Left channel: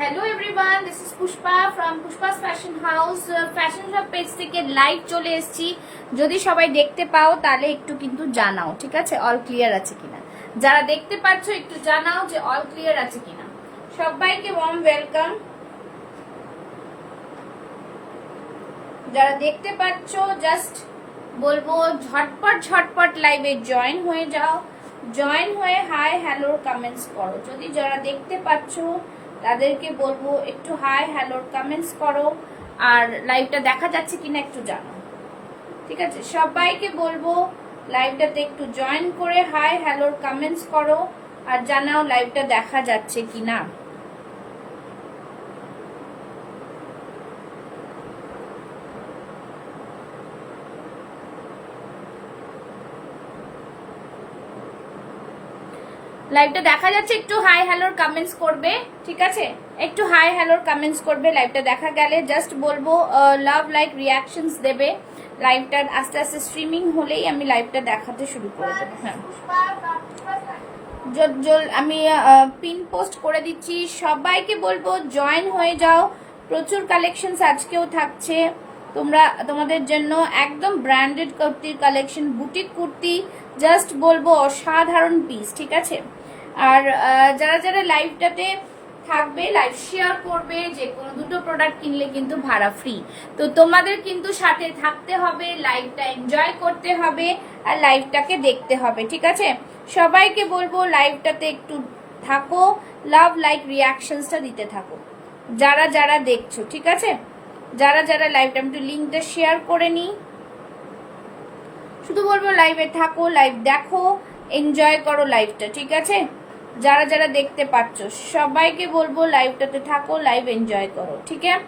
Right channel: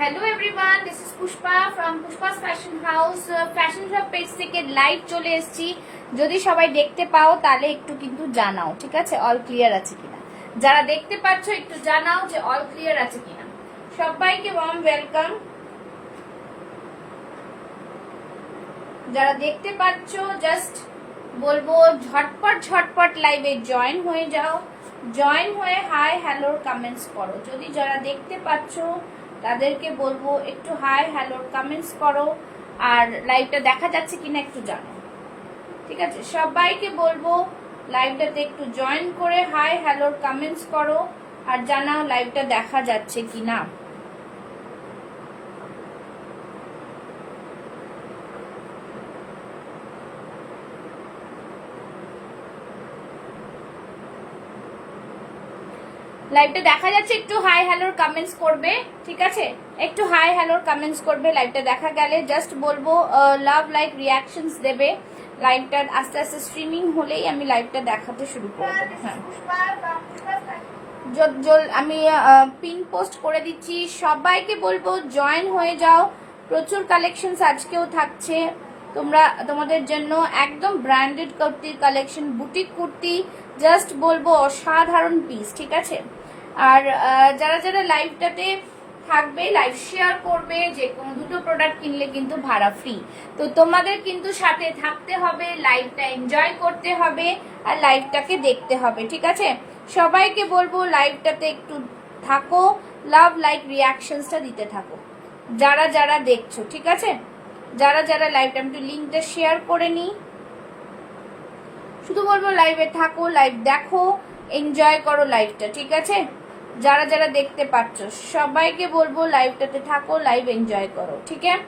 Hello everyone, this is Pushpa from Pushpa's Fashion House. Fashion Shop page থেকে live চলে এসেছি। যদি সবাই দেখতে পাও তাহলে একটু কিন্তু জানাও, ঠিক আছে? অল ক্লিয়ার আছে কিনা। যারা দেখতে পাচ্ছ একটু জানাও যে অল ক্লিয়ার আছে কিনা। সবাইকে ওয়ার্ম ওয়েলকাম। যারা দেখতে পাচ্ছ জাস্ট বলবো ঝটপট লাইভে জয়েন হয়ে যাও। জয়েন হয়ে হাই হ্যালোর কমেন্টস করো। যদি যারা দেখতে পাচ্ছ তাদেরকে বলবো একটু হাই হ্যালোর কমেন্টস করো, আর লাইভটা দেখা যাচ্ছে কিনা একটু জানো, ঠিক আছে? সবাইকে বলবো লাইভটাতে একটু জয়েন করে হাই হ্যালোর কমেন্টস করো আর জানাও লাইভটা দেখা যাচ্ছে কিনা। লাইভটা দেখা যাচ্ছে, একটু হাই হ্যালোর কমেন্টস করবে, ঠিক আছে? একটু হাই হ্যালোর কমেন্টস করবে। লাইভটা দেখা গেলে জাস্ট বলবো লাভ লাইক রিয়াকশনস দেবে। লাইভটা আস্তে আস্তে স্ট্রিমিং হলেই আমি লাইভটা দেখাতে শুরু করে দেবো। হ্যাঁ, আমি পিন পোস্ট করে দিচ্ছি। সবাইকে বলবো জয়েন হয়ে যাও। প্রচুর কালেকশন আজকেও থাকছে তোমাদের জন্য। একদম ব্র্যান্ডেড কুর্তির কালেকশন, বুটিক কুর্তি, জাস্ট বলবো অসাধারণ পিস, ঠিক আছে? আর যারা যারা লাইভটাতে থাকবে, লাইভ শেয়ার করবে, যে কোনো দুটো প্রোডাক্ট কিনলে কিন্তু ভাড়া ফ্রি। তো তোমাদের কিন্তু সাথে থাকতে হবে, লাইভটা এনজয় করতে হবে আর লাইভটাকে দেখতে হবে, ঠিক আছে? সবাইকে বলবো লাইভটাতে একটু থাকো, লাভ লাইক রিয়াকশনসটা দিতে থাকো যারা যারা দেখছো, ঠিক আছে? যারা যারা লাইভটা, আমি একটু লিঙ্কটা শেয়ার করে নিই। শুধু বলবো লাইভে থাকো, লাইভ দেখো, এনজয় করো লাইভটা, ঠিক আছে? যারা যারা দেখতে পাচ্ছ সবাইকে বলবো লাইভটাতে থাকো, লাইভ এনজয় করো, ঠিক আছে?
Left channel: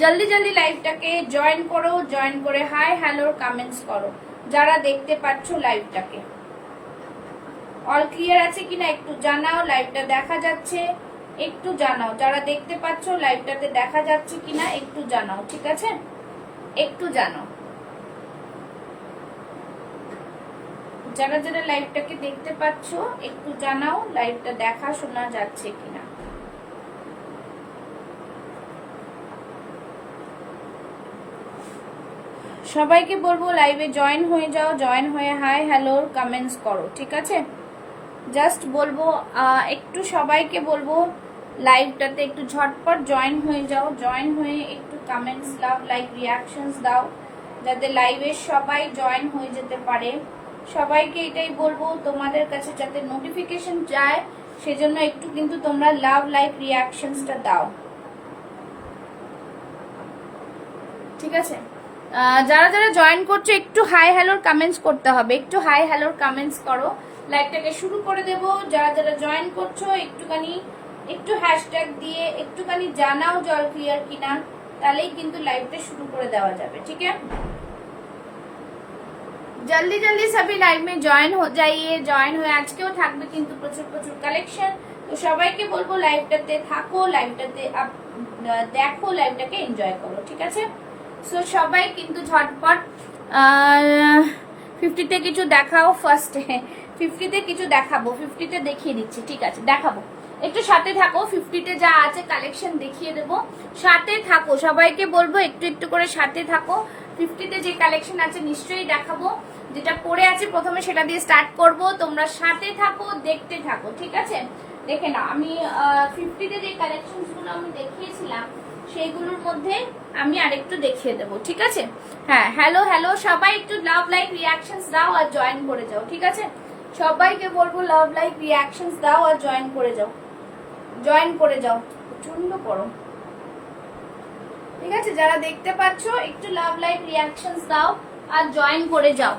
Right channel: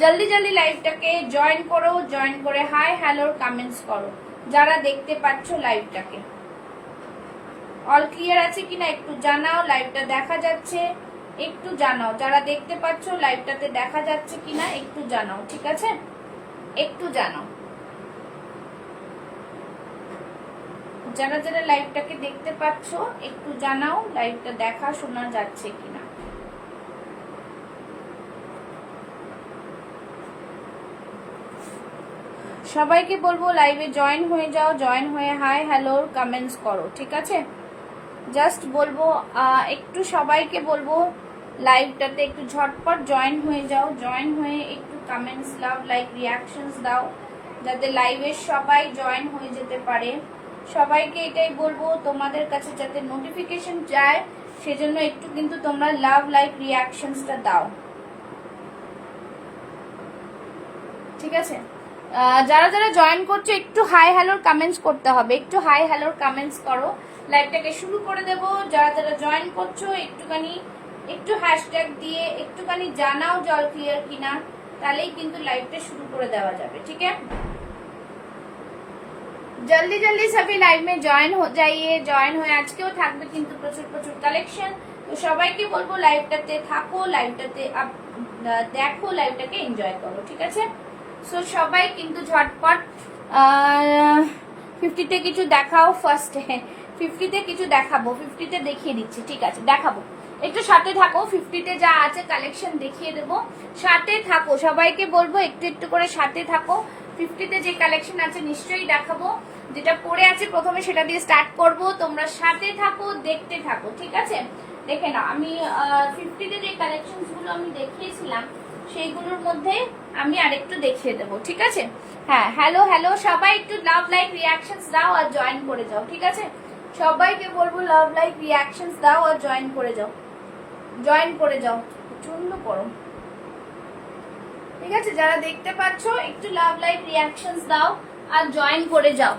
জলদি জলদি লাইভটাকে জয়েন করো, জয়েন করে হাই হ্যালোর কমেন্টস করো যারা দেখতে পাচ্ছ লাইভটাকে। অল ক্লিয়ার আছে কিনা একটু জানাও। লাইভটা দেখা যাচ্ছে একটু জানাও। যারা দেখতে পাচ্ছ লাইভটাতে দেখা যাচ্ছে কিনা একটু জানাও, ঠিক আছে? একটু জানাও। যারা যারা লাইভটাকে দেখতে পাচ্ছ একটু জানাও লাইভটা দেখা শোনা যাচ্ছে কিনা। সবাইকে বলবো লাইভে জয়েন হয়ে যাও, জয়েন হয়ে হাই হ্যালোর কমেন্টস করো, ঠিক আছে? জাস্ট বলবো একটু সবাইকে বলবো লাইভটাতে একটু ঝটপট জয়েন হয়ে যাও। জয়েন হয়ে একটু কমেন্টস দাও, লাইক রিয়াকশনস দাও, যাতে লাইভে সবাই জয়েন হয়ে যেতে পারে। সবাইকে এটাই বলবো তোমাদের কাছে যাতে নোটিফিকেশন যায়, সেজন্য একটু কিন্তু তোমরা লাভ লাইক রিয়াকশনসটা দাও, ঠিক আছে? যারা যারা জয়েন করছো একটু হাই হ্যালোর কমেন্টস করতে হবে, একটু হাই হ্যালোর কমেন্টস করো। লাইভটাকে শুরু করে দেব। যারা যারা জয়েন করছো একটু হ্যাশট্যাগ দিয়ে একটুখানি জানাও জল ক্লিয়ার কিনা, তাহলেই কিন্তু লাইভটা শুরু করে দেওয়া যাবে, ঠিক আছে? जल्दी जल्दी सभी लाइव में जॉइन हो जाइए। जॉइन হয়ে আজকেও থাকবে কিন্তু প্রচুর প্রচুর কালেকশন। তো সবাইকে বলবো লাইভটাতে থাকো, লাইভটাতে দেখো, লাইভটাকে এনজয় করো, ঠিক আছে? সো সবাই কিন্তু ঝটপট 50তে কিছু দেখাও। ফার্স্টে 50তে কিছু দেখাবো, 50তে দেখিয়ে দিচ্ছি, ঠিক আছে? দেখাবো, একটু সাথে থাকো। 50তে যা আছে কালেকশন দেখিয়ে দেবো, সাথে থাকো। সবাইকে বলবো একটু একটু করে সাথে থাকো। 50তে যে কালেকশন আছে নিশ্চয়ই দেখাবো। যেটা পরে আছে প্রথমে সেটা দিয়ে স্টার্ট করব। তোমরা সাথে থাকো, দেখতে থাকো, ঠিক আছে? দেখে নাও, আমি 50তে যে কালেকশন গুলো আমি দেখিয়েছিলাম সেইগুলোর মধ্যে আমি আরেকটু দেখিয়ে দেবো, ঠিক আছে? হ্যাঁ, হ্যালো হ্যালো, সবাই একটু লাভ লাইক রিয়াকশনস দাও আর জয়েন করে যাও, ঠিক আছে? সবাইকে বলবো লাভ লাইক রিয়াকশনস দাও আর জয়েন করে যাও, জয়েন করে যাও। প্রচন্ড গরম, ঠিক আছে? যারা দেখতে পাচ্ছ একটু লাভ লাইক রিয়াকশনস দাও আর জয়েন করে যাও।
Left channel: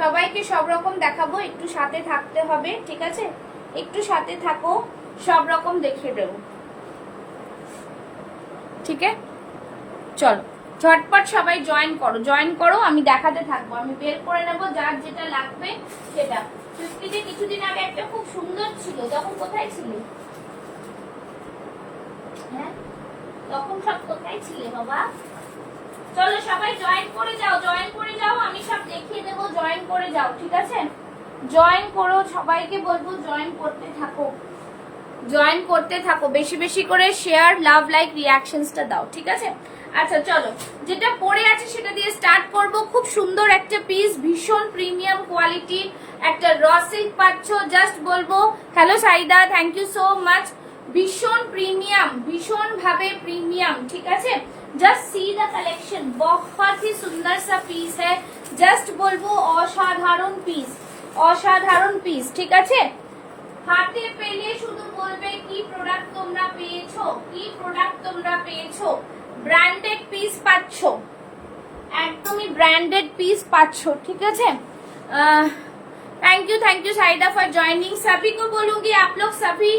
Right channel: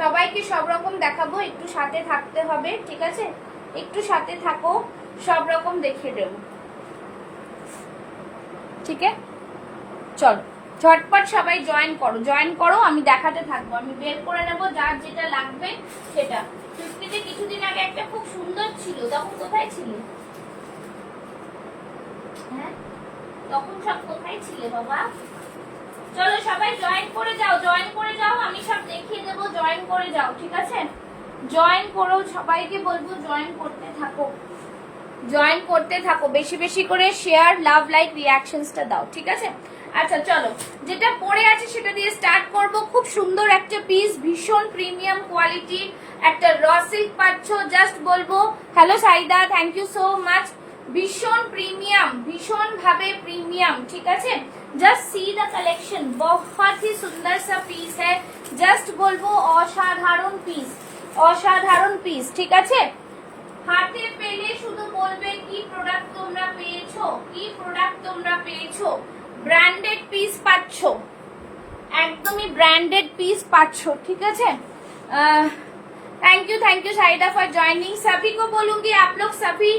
সবাইকে সব রকম দেখাবো, একটু সাথে থাকতে হবে, ঠিক আছে? একটু সাথে থাকো, সব রকম দেখিয়ে দেবো, ঠিক আছে? চলো ঝটপট সবাই জয়েন করো, জয়েন করো। আমি দেখাতে থাকবো, আমি বের করে নেবো যার যেটা লাগবে সেটা। 50তে কিছুদিন আগে একটা খুব সুন্দর ছিল, তখন কোথায় ছিলে? হ্যাঁ, তখন সব কোথায় ছিলে বাবা? চলো সবাই জয়েন করে যাও, জয়েন করে যাও, আমি সব দেখিয়ে দেবো। জয়েন করে যাও, ঠিক আছে? জয়েন করো, সবাইকে বলবো জয়েন করতে থাকো, জয়েন করতে থাকো, বেশি বেশি করে শেয়ার, লাভ, লাইক, রিয়াকশনসটা দাও, ঠিক আছে? আচ্ছা চলো, যেটা পরে আছে সেটা দিয়ে স্টার্ট করব। খুব সুন্দর একটা পিস, ভীষণ প্রিমিয়াম কোয়ালিটির একটা র সিল্ক পাচ্ছ। জাস্ট বলবো hello Saida, thank you so much. ভীষণ প্রিমিয়াম, ভীষণ ভাবে প্রিমিয়াম, ঠিক আছে? जस्ट सी द कलेक्शन, बहुत ही सुंदर सा पीस है। जस्ट बोलबो असाधारण पीस, असाधारण पीस, ठीक আছে? হাতে পেলে শুধু বলবে কি প্রোডাক্ট তোমরা পেয়েছো, কি প্রোডাক্ট তোমরা পেয়েছো। ব্র্যান্ডেড পিস পাচ্ছো, একদমই ব্র্যান্ডেড পিস পাচ্ছো, ঠিক আছে? थैंक यू साइडा फॉर जॉइनिंग। सभी को बोलूंगी आप लोग सभी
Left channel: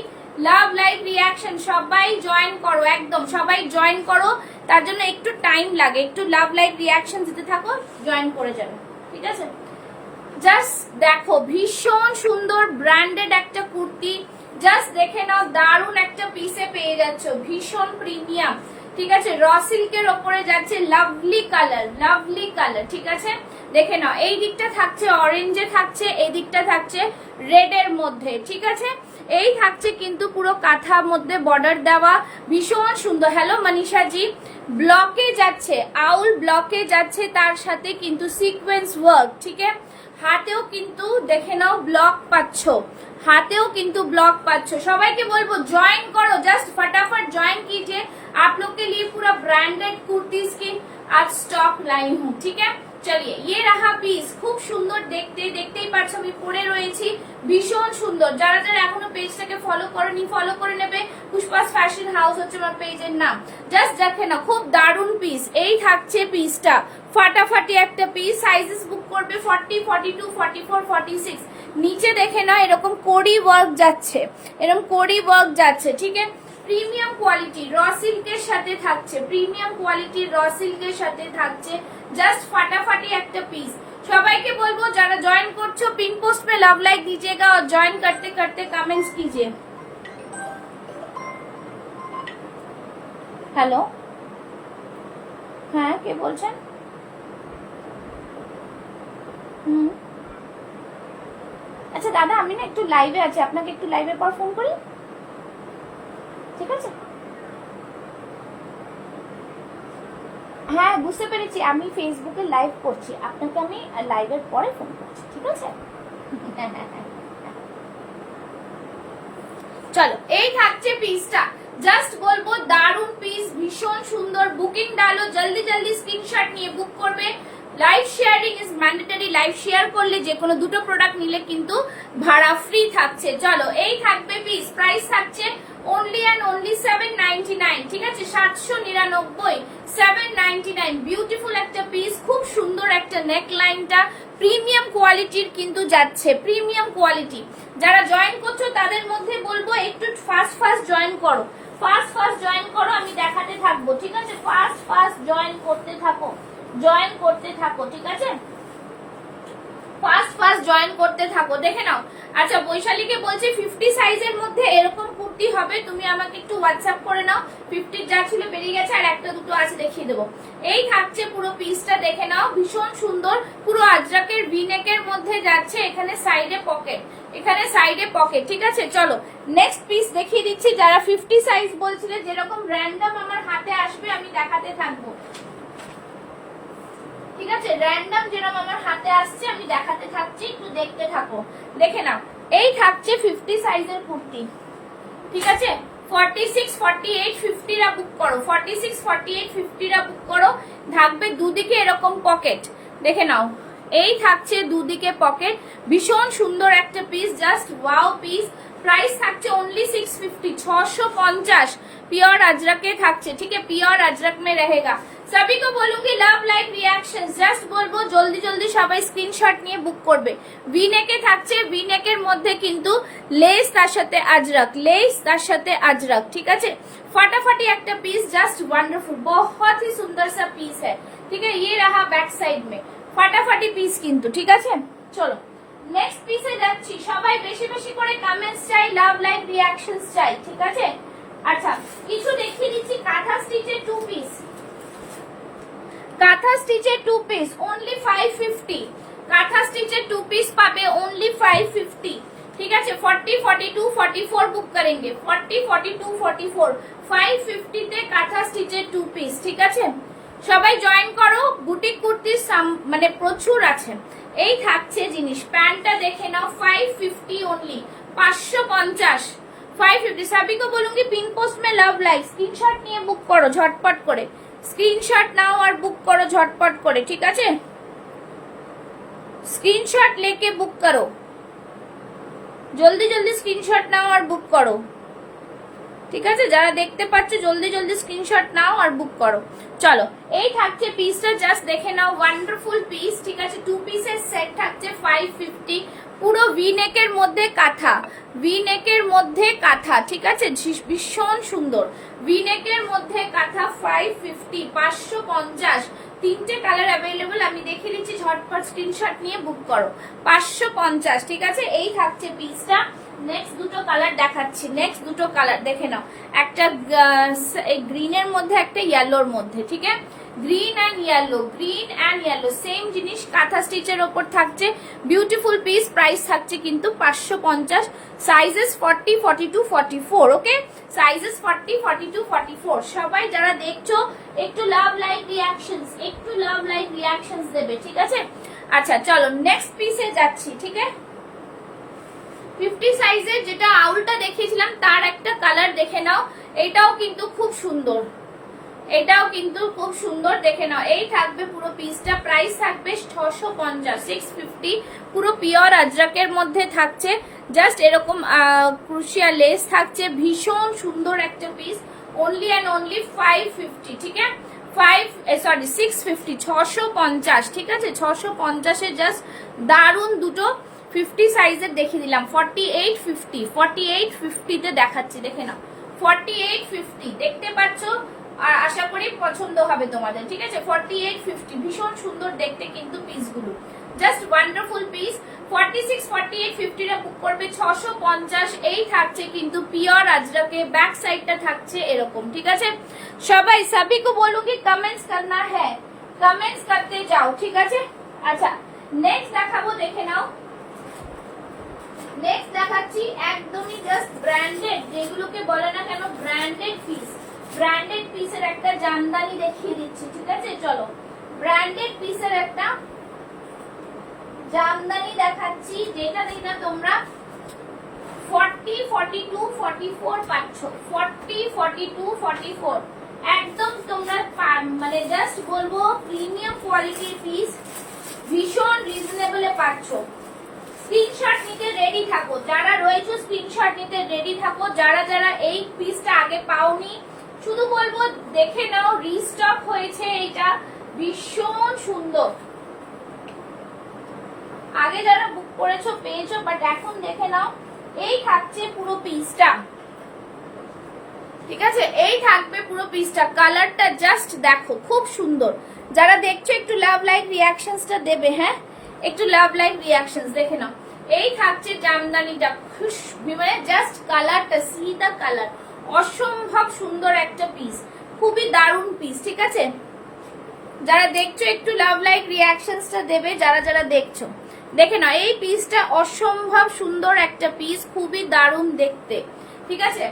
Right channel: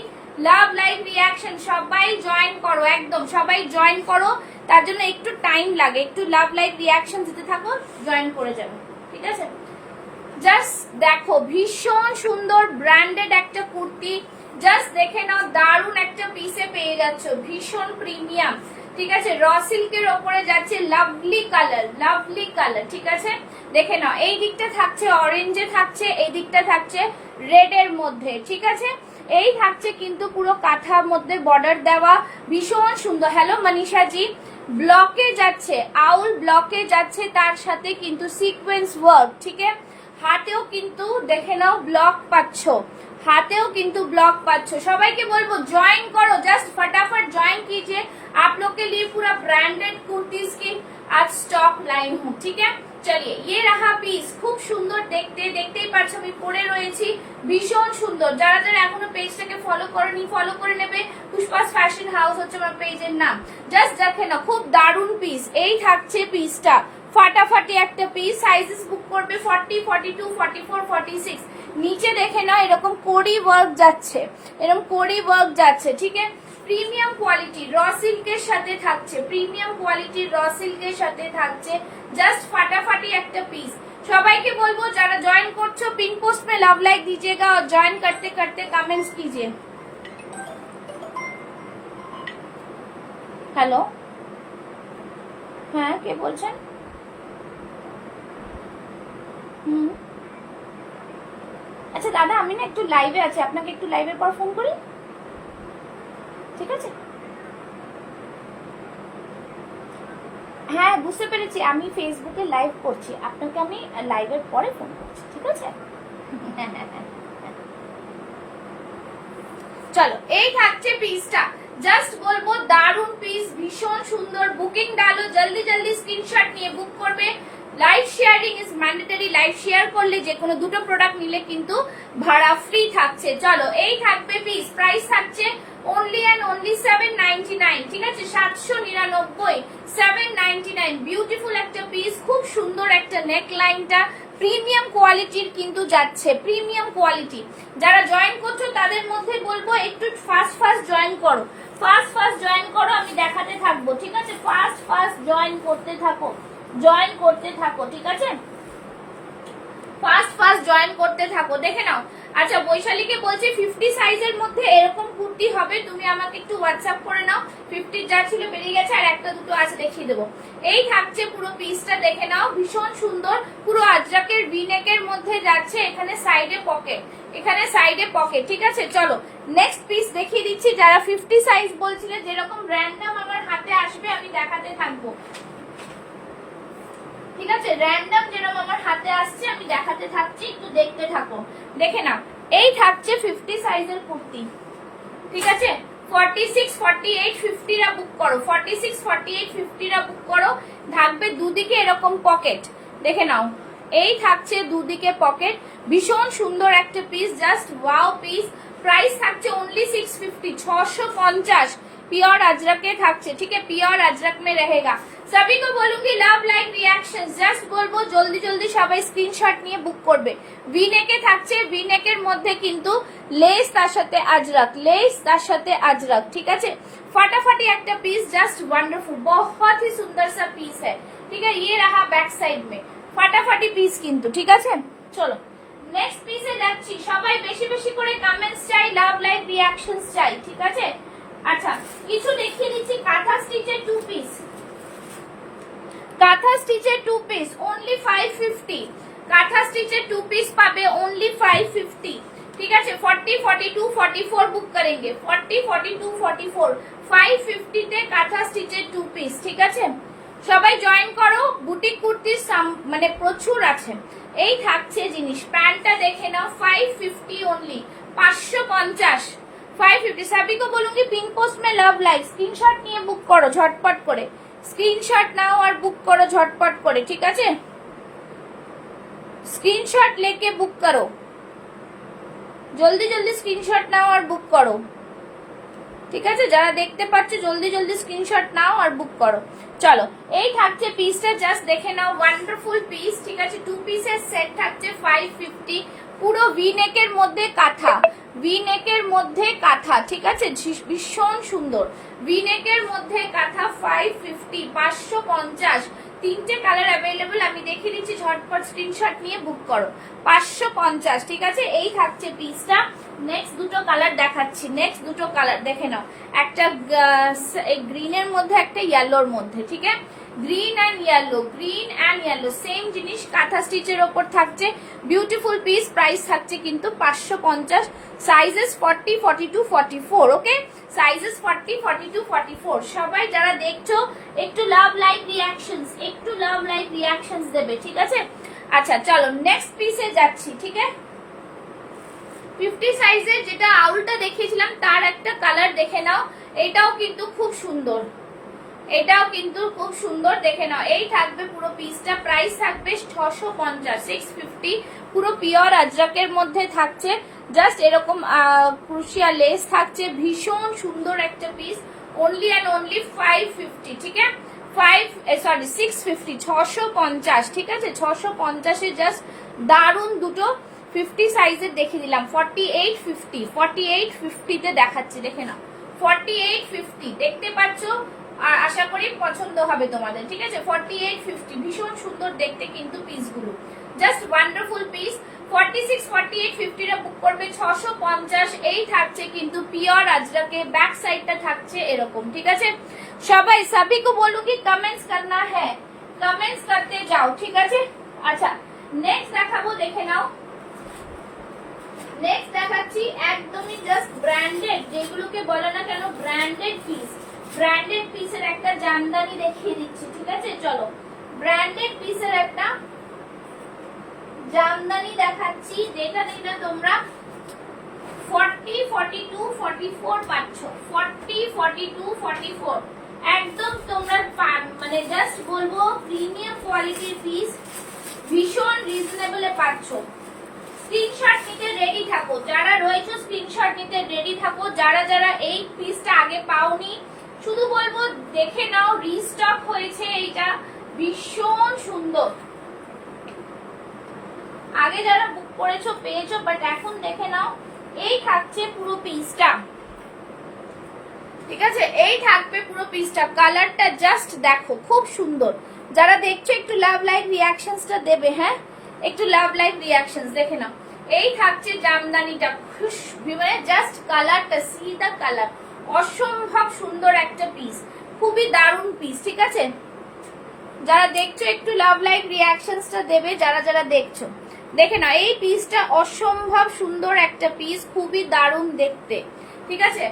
লাভ লাইভ রিয়াকশন সবাই জয়েন করো, একদম সবাই জয়েন করো। তার জন্য একটু টাইম লাগে, একটু লাভ লাইভ রিয়াকশন দিতে থাকো, জয়েন করে যাবে, ঠিক আছে? জাস্ট দেখো ভীষণ সুন্দর ব্র্যান্ডেড একটা কুর্তি, জাস্ট দেখে নাও, দারুণ একটা পিসে পেয়ে যাচ্ছ, ভীষণ প্রিমিয়াম, ঠিক আছে? র সিল্কের ওপরে যাচ্ছে, লাভলি কালার, ঠিক আছে? দেখে নাও, এই দিকটা থাকছে অরেঞ্জে থাকছে, এই দিকটা থাকছে রেড এর মধ্যে, ঠিক আছে? এই থাকছে কিন্তু পুরো কাঁথার মধ্যে বর্ডার দেওয়া, ভীষণ সুন্দর। হ্যালো মনীষা জি, ব্লকে যাচ্ছে, আউল ব্লকে যাচ্ছে, তার সাথে কিন্তু সিকোয়েন্স ওয়ার্ক, ঠিক আছে? হাতেও কিন্তু দেখে নাও ব্লক পাচ্ছ, হাতেও কিন্তু ব্লক পাচ্ছ। সবাইকে বলবো জয়েন করো, জাস্ট फटाफट ज्वाइन कीजिए। आप लोग के लिए पूरा ब्रांडेड कुर्तीज की आज स्टॉक लाई हूँ, ठीक है? চলিয়ে ये रहा পিস, খুব সুন্দর দেখতে, দেখতেই পাচ্ছ আমি পরে রয়েছি, ভীষণ সুন্দর। যারা যারা এখনো পেজটাকে ফলো করেনি ফলো করে নেবে, পুষ্পাস ফ্যাশন হাউস হচ্ছে আমার পেজের নাম। জাস্ট দেখে না, খুব দারুণ পিস। এই থাকছে পিসটা, ফাটাফাটি একটা পিস। সাইজেস বুক করবে 40, 42, 44, 46। নিচে দেখে না এরকম কোডি ওয়ার্ক যাচ্ছে, এরকম কোডি ওয়ার্ক যাচ্ছে, ঠিক আছে? প্রিমিয়াম কোয়ালিটি র সিল্কের সাথে থাকছে, প্রিমিয়াম কোয়ালিটির র সিল্কের সাথে থাকছে, জাস্ট ফাটাফাটি একটা পিস। সবাইকে বলবো যারা জয়েন করছো पिन पोस्ट में लव लाइक दीजिएगा और ज्वाइन करते करते कमेंट्स कीजिए। হ্যালো, হ্যাঁ কে বলছেন? আচ্ছা দাদা, আমি না একটু লাইভে আছি, আপনাকে একটু লাইভে পর ফোন করি, ঠিক আছে? হ্যাঁ বুঝতে পেরেছি, আমি ফেসবুকে লাইভ করছি, আপনাকে আমি লাইভের পরে ফোন করছি, ঠিক আছে? চলো, এই থাকছে পিসটা, জাস্ট বলবো দারুণ পিস, ভীষণ সুন্দর। বুকিং ডালো, জলদি জলদি স্ক্রিনশট নিয়ে বুক করবে। Live sharing is mandatory, live share করলে যে কোনো দুটো প্রোডাক্ট নিলে কিন্তু ভাড়া ফ্রি থাকছে। চলো, এই থাকবে পিস, প্রাইস থাকছে only and only 799, ঠিক আছে? 799, 799। বিউটিফুল একটা পিস, খুব সুন্দর একটা নেক লাইনটা, প্রিমিয়াম কোয়ালিটির কিন্তু যাচ্ছে, প্রিমিয়াম কোয়ালিটি। যারা জয়েন করছো তাদের মধ্যে বলবো একটু ফাস্ট জয়েন করো, ফাস্ট জয়েন করো, আমি দেখাতে থাকবো, ঠিক আছে? ফাস্ট জয়েন করতে থাকো, জয়েন করতে থাকো, ঠিক আছে? ফাস্ট জয়েন করতে থাকো, দেখে নাও। আচ্ছা বৈশালীকে বলছি 50 সাইজের মধ্যে এরকম কুর্তি হবে, তুমি আমাকে একটু হোয়াটসঅ্যাপ করে নাও। 50 যা ছিল বেরিয়ে গেছে, আর একটা দুটো আছে দেখিয়ে দেবো। এই থাকছে পুরো পিসটা, দেখে নাও, ভীষণ সুন্দর, পুরো আজরাকের ভিনেকের মধ্যে যাচ্ছে, এখানে সাইডে পকেট, এখানে সাইডে পকেট, ঠিক আছে? চলো নেক্সট পিস দেখিয়ে দিচ্ছি। যারা 50 সাইজ বলছিলে, যেরকম র্যান্ডম আমার হাতে আসবে আমি দেখাতে থাকবো, ঠিক আছে? র্যান্ডম যেরকম আমার হাতে আসছে আমি দেখাতে থাকছি, একটু দেখতে থাকো, দেখে নাও। এই থাকছে 50 সাইজের কুর্তি, ঠিক আছে? 46, 48, 50 রা বুক করো, 46, 48, 50 রা বুক করো। থাকবে দুদিকে এরকম পকেট, দেখে নাও, এই থাকছে দুদিকে পকেট, ভীষণ সুন্দর একটা piece, just wow piece. Price থাকছে ओनली 650, 650। प्योर अजरक के থাকছে, ঠিক আছে? प्योर अजरक में रहेगा। सभी को बोलूंगी लव लाइक रिएक्शन, জাস্ট বলবো জলদি জলদি সবাই স্ক্রিনশট নিয়ে বুক করবে। ভিনেকে থাকছে, ভিনেকের মধ্যে কিন্তু লেস, তার সাথে আজরক, লেস তার সাথে আজরক, ঠিক আছে? फटाफटी একটা পিস, জাস্ট ওয়ান্ডারফুল, बहुत ही सुंदर सा पीस है, ठीक है? ये रहा बैक साइड में, फटाफटी পিস কিন্তু, ঠিক আছে? চলো নেক্সট পিসে যাচ্ছি। সবাই বেশি বেশি করে কমেন্টস চাই, লাভ লাইক রিঅ্যাকশনস চাই, ঠিক আছে? আচ্ছা কিছু দেখিয়ে দিচ্ছি। কাঁথা স্টিচের 2 পিস, কাঁথা স্টিচের 2 পিস only 550, কাঁথা স্টিচের 2 পিস পাবে only 550, ठीक है 40, 42, 44 बुक करेंगे 40, 42, 44 550 তে কাঁথা স্টিচের 2 পিস ঠিক আছে সবাই জয়েন করো বুটিক কুর্তি মানে প্রচুর আছে এই থাকছে জিনিস প্যান্টটা দেখে নাও 550 ओनली 550 550 सभी को बोलूंगी पिन पोस्ट में लव लाइक स्क्रीनशॉट নিয়ে বুক করো ঝটপট করে স্ক্রিনশট নাও আর বুক করো ঝটপট করে ঠিক আছে স্ক্রিনশট लेके বুক করো জলদি জলদি স্ক্রিনশট নাও আর বুক করো ঠিক আছে যারা দেখতে পাচ্ছে জলদি জলদি স্ক্রিনশট নাও আর বুক করো চলো এই থাকছে পিসটা জাস্ট দেখে নাও ওয়ান্ডারফুল পিস ঠিক আছে 2 পিসের সেট থাকছে 550 পুরো ভি নেকের মধ্যে কাঁথা ভি নেকের মধ্যে কাঁথা ঠিক আছে ভীষণ সুন্দর ভি নেকের মধ্যে কাঁথা 550 550 তিনটে কালার अवेलेबल আমি দেখে নিচ্ছি ঝটপট স্ক্রিনশট নিয়ে বুক করো 550 ঠিক আছে এই থাকছে পিসটা নেক্সট দুটো কালার দেখাচ্ছি নেক্সট দুটো কালার দেখে নাও একটা গ্রিনের মধ্যে একটা ইয়েলোর মধ্যে ঠিক আছে গ্রিন এন্ড ইয়েলো সেম জিনিস কাঁথা স্টিচের উপর থাকছে বিউটিফুল পিস প্রাইস থাকছে কিন্তু 550 সাইজেস 40 42 44 ওকে সাইজেস 40 42 44 সবাই যারা দেখছো একটু লাভ লাইক রিঅ্যাকশনস দেবে ঠিক আছে আচ্ছা চলো নেক্সট পিসে যাচ্ছি ঠিক আছে 50 সাইজের যেটা আউলটা দেখিয়েছিলাম তার একটা কালার দেখে নাও এটাও কিন্তু খুব সুন্দর দেখে নাও এই থাকবে পুরো পিসটা প্রাইস থাকবে 650 650 পুরো পিওর আজরাকের মধ্যে থাকছে জাস্ট এরকম ক্রুশিয়া লেস থাকছে ভীষণ সুন্দর একটা পিস অনলি এন্ড অনলি 550 ঠিক আছে 650 650 ঠিক আছে 650 এ জাস্ট দারুন দুটো 50 সাইজের দেখিয়ে দিলাম 4850 তে দেখাচ্ছি দেখে নাও 4850 দেখতে পাচ্ছো আর আশা করি পছন্দ হবে তোমাদের ঠিক আছে 4850 ভীষণ সুন্দর দেখতে কিন্তু পিসগুলো জাস্ট ওয়ান্ডারফুল পিস 46 48 50 টা বুক করবে 650 এই থাকছে কিন্তু পিওর আজরাকে ব্যাক সাইডটা থাকছে এরকম ঠিক আছে সবাই সभी को बोलूंगी कमेंट्स करना है कमेंट्स करते जाओ ঠিক আছে আচ্ছা নেক্সট দেখাবো দেখে নাও নেক্সট দেখাচ্ছি একদমই জাস্ট ব্র্যান্ডেড যেগুলোকে বলে না কেন ব্র্যান্ডেড পিসের একটা জামদানি দেখিয়ে দিচ্ছি ঠিক আছে চলো ব্র্যান্ডেড পিসের একটা জামদানি দেখাচ্ছি যেটা দিনা তোমরা 40 42 44 পাচ্ছ 40 42 44 একদম তোমরা মানে জাস্ট বলবো প্রিমিয়াম কোয়ালিটির পিস ভীষণ রিজনেবলে পাচ্ছ স্ক্রিনশট নিতে রেডি থাকো যারা রয়েছে স্ক্রিনশট নিতে রেডি থাকো যারা যারা এই পিসটা আগে পাওনি শুধু বলবো দেখে নাও রিস্টক হয়েছে এটা ভীষণ সুন্দর আগে যারা বুক করেছো পেয়েছো বাট এখন দেখে নাও এই থাকছে পুরো পিসটা ঠিক আছে এই থাকবে পুরো পিসটা কালারটা জাস্ট দেখো খুব সুন্দর যারা দেখছো একটু লাভ লাইক রিঅ্যাকশনসটা দেবে হ্যাঁ একটু লাভ লাইক রিঅ্যাকশনস দেখে নাও এই থাকছে জামদানিটা মানে জাস্ট কালারটা সি দা কালার অসম্ভব সুন্দর একটা পিস খুবই দারুণ পিস ঠিক আছে যারা দেখছো একটু লাভ লাইক রিঅ্যাকশনসটা দেবে যারা যারা দেখছো দেখে নাও এই পিসটা অসম্ভব সুন্দর একটা পিস খুবই দারুণ দেখতে ঠিক আছে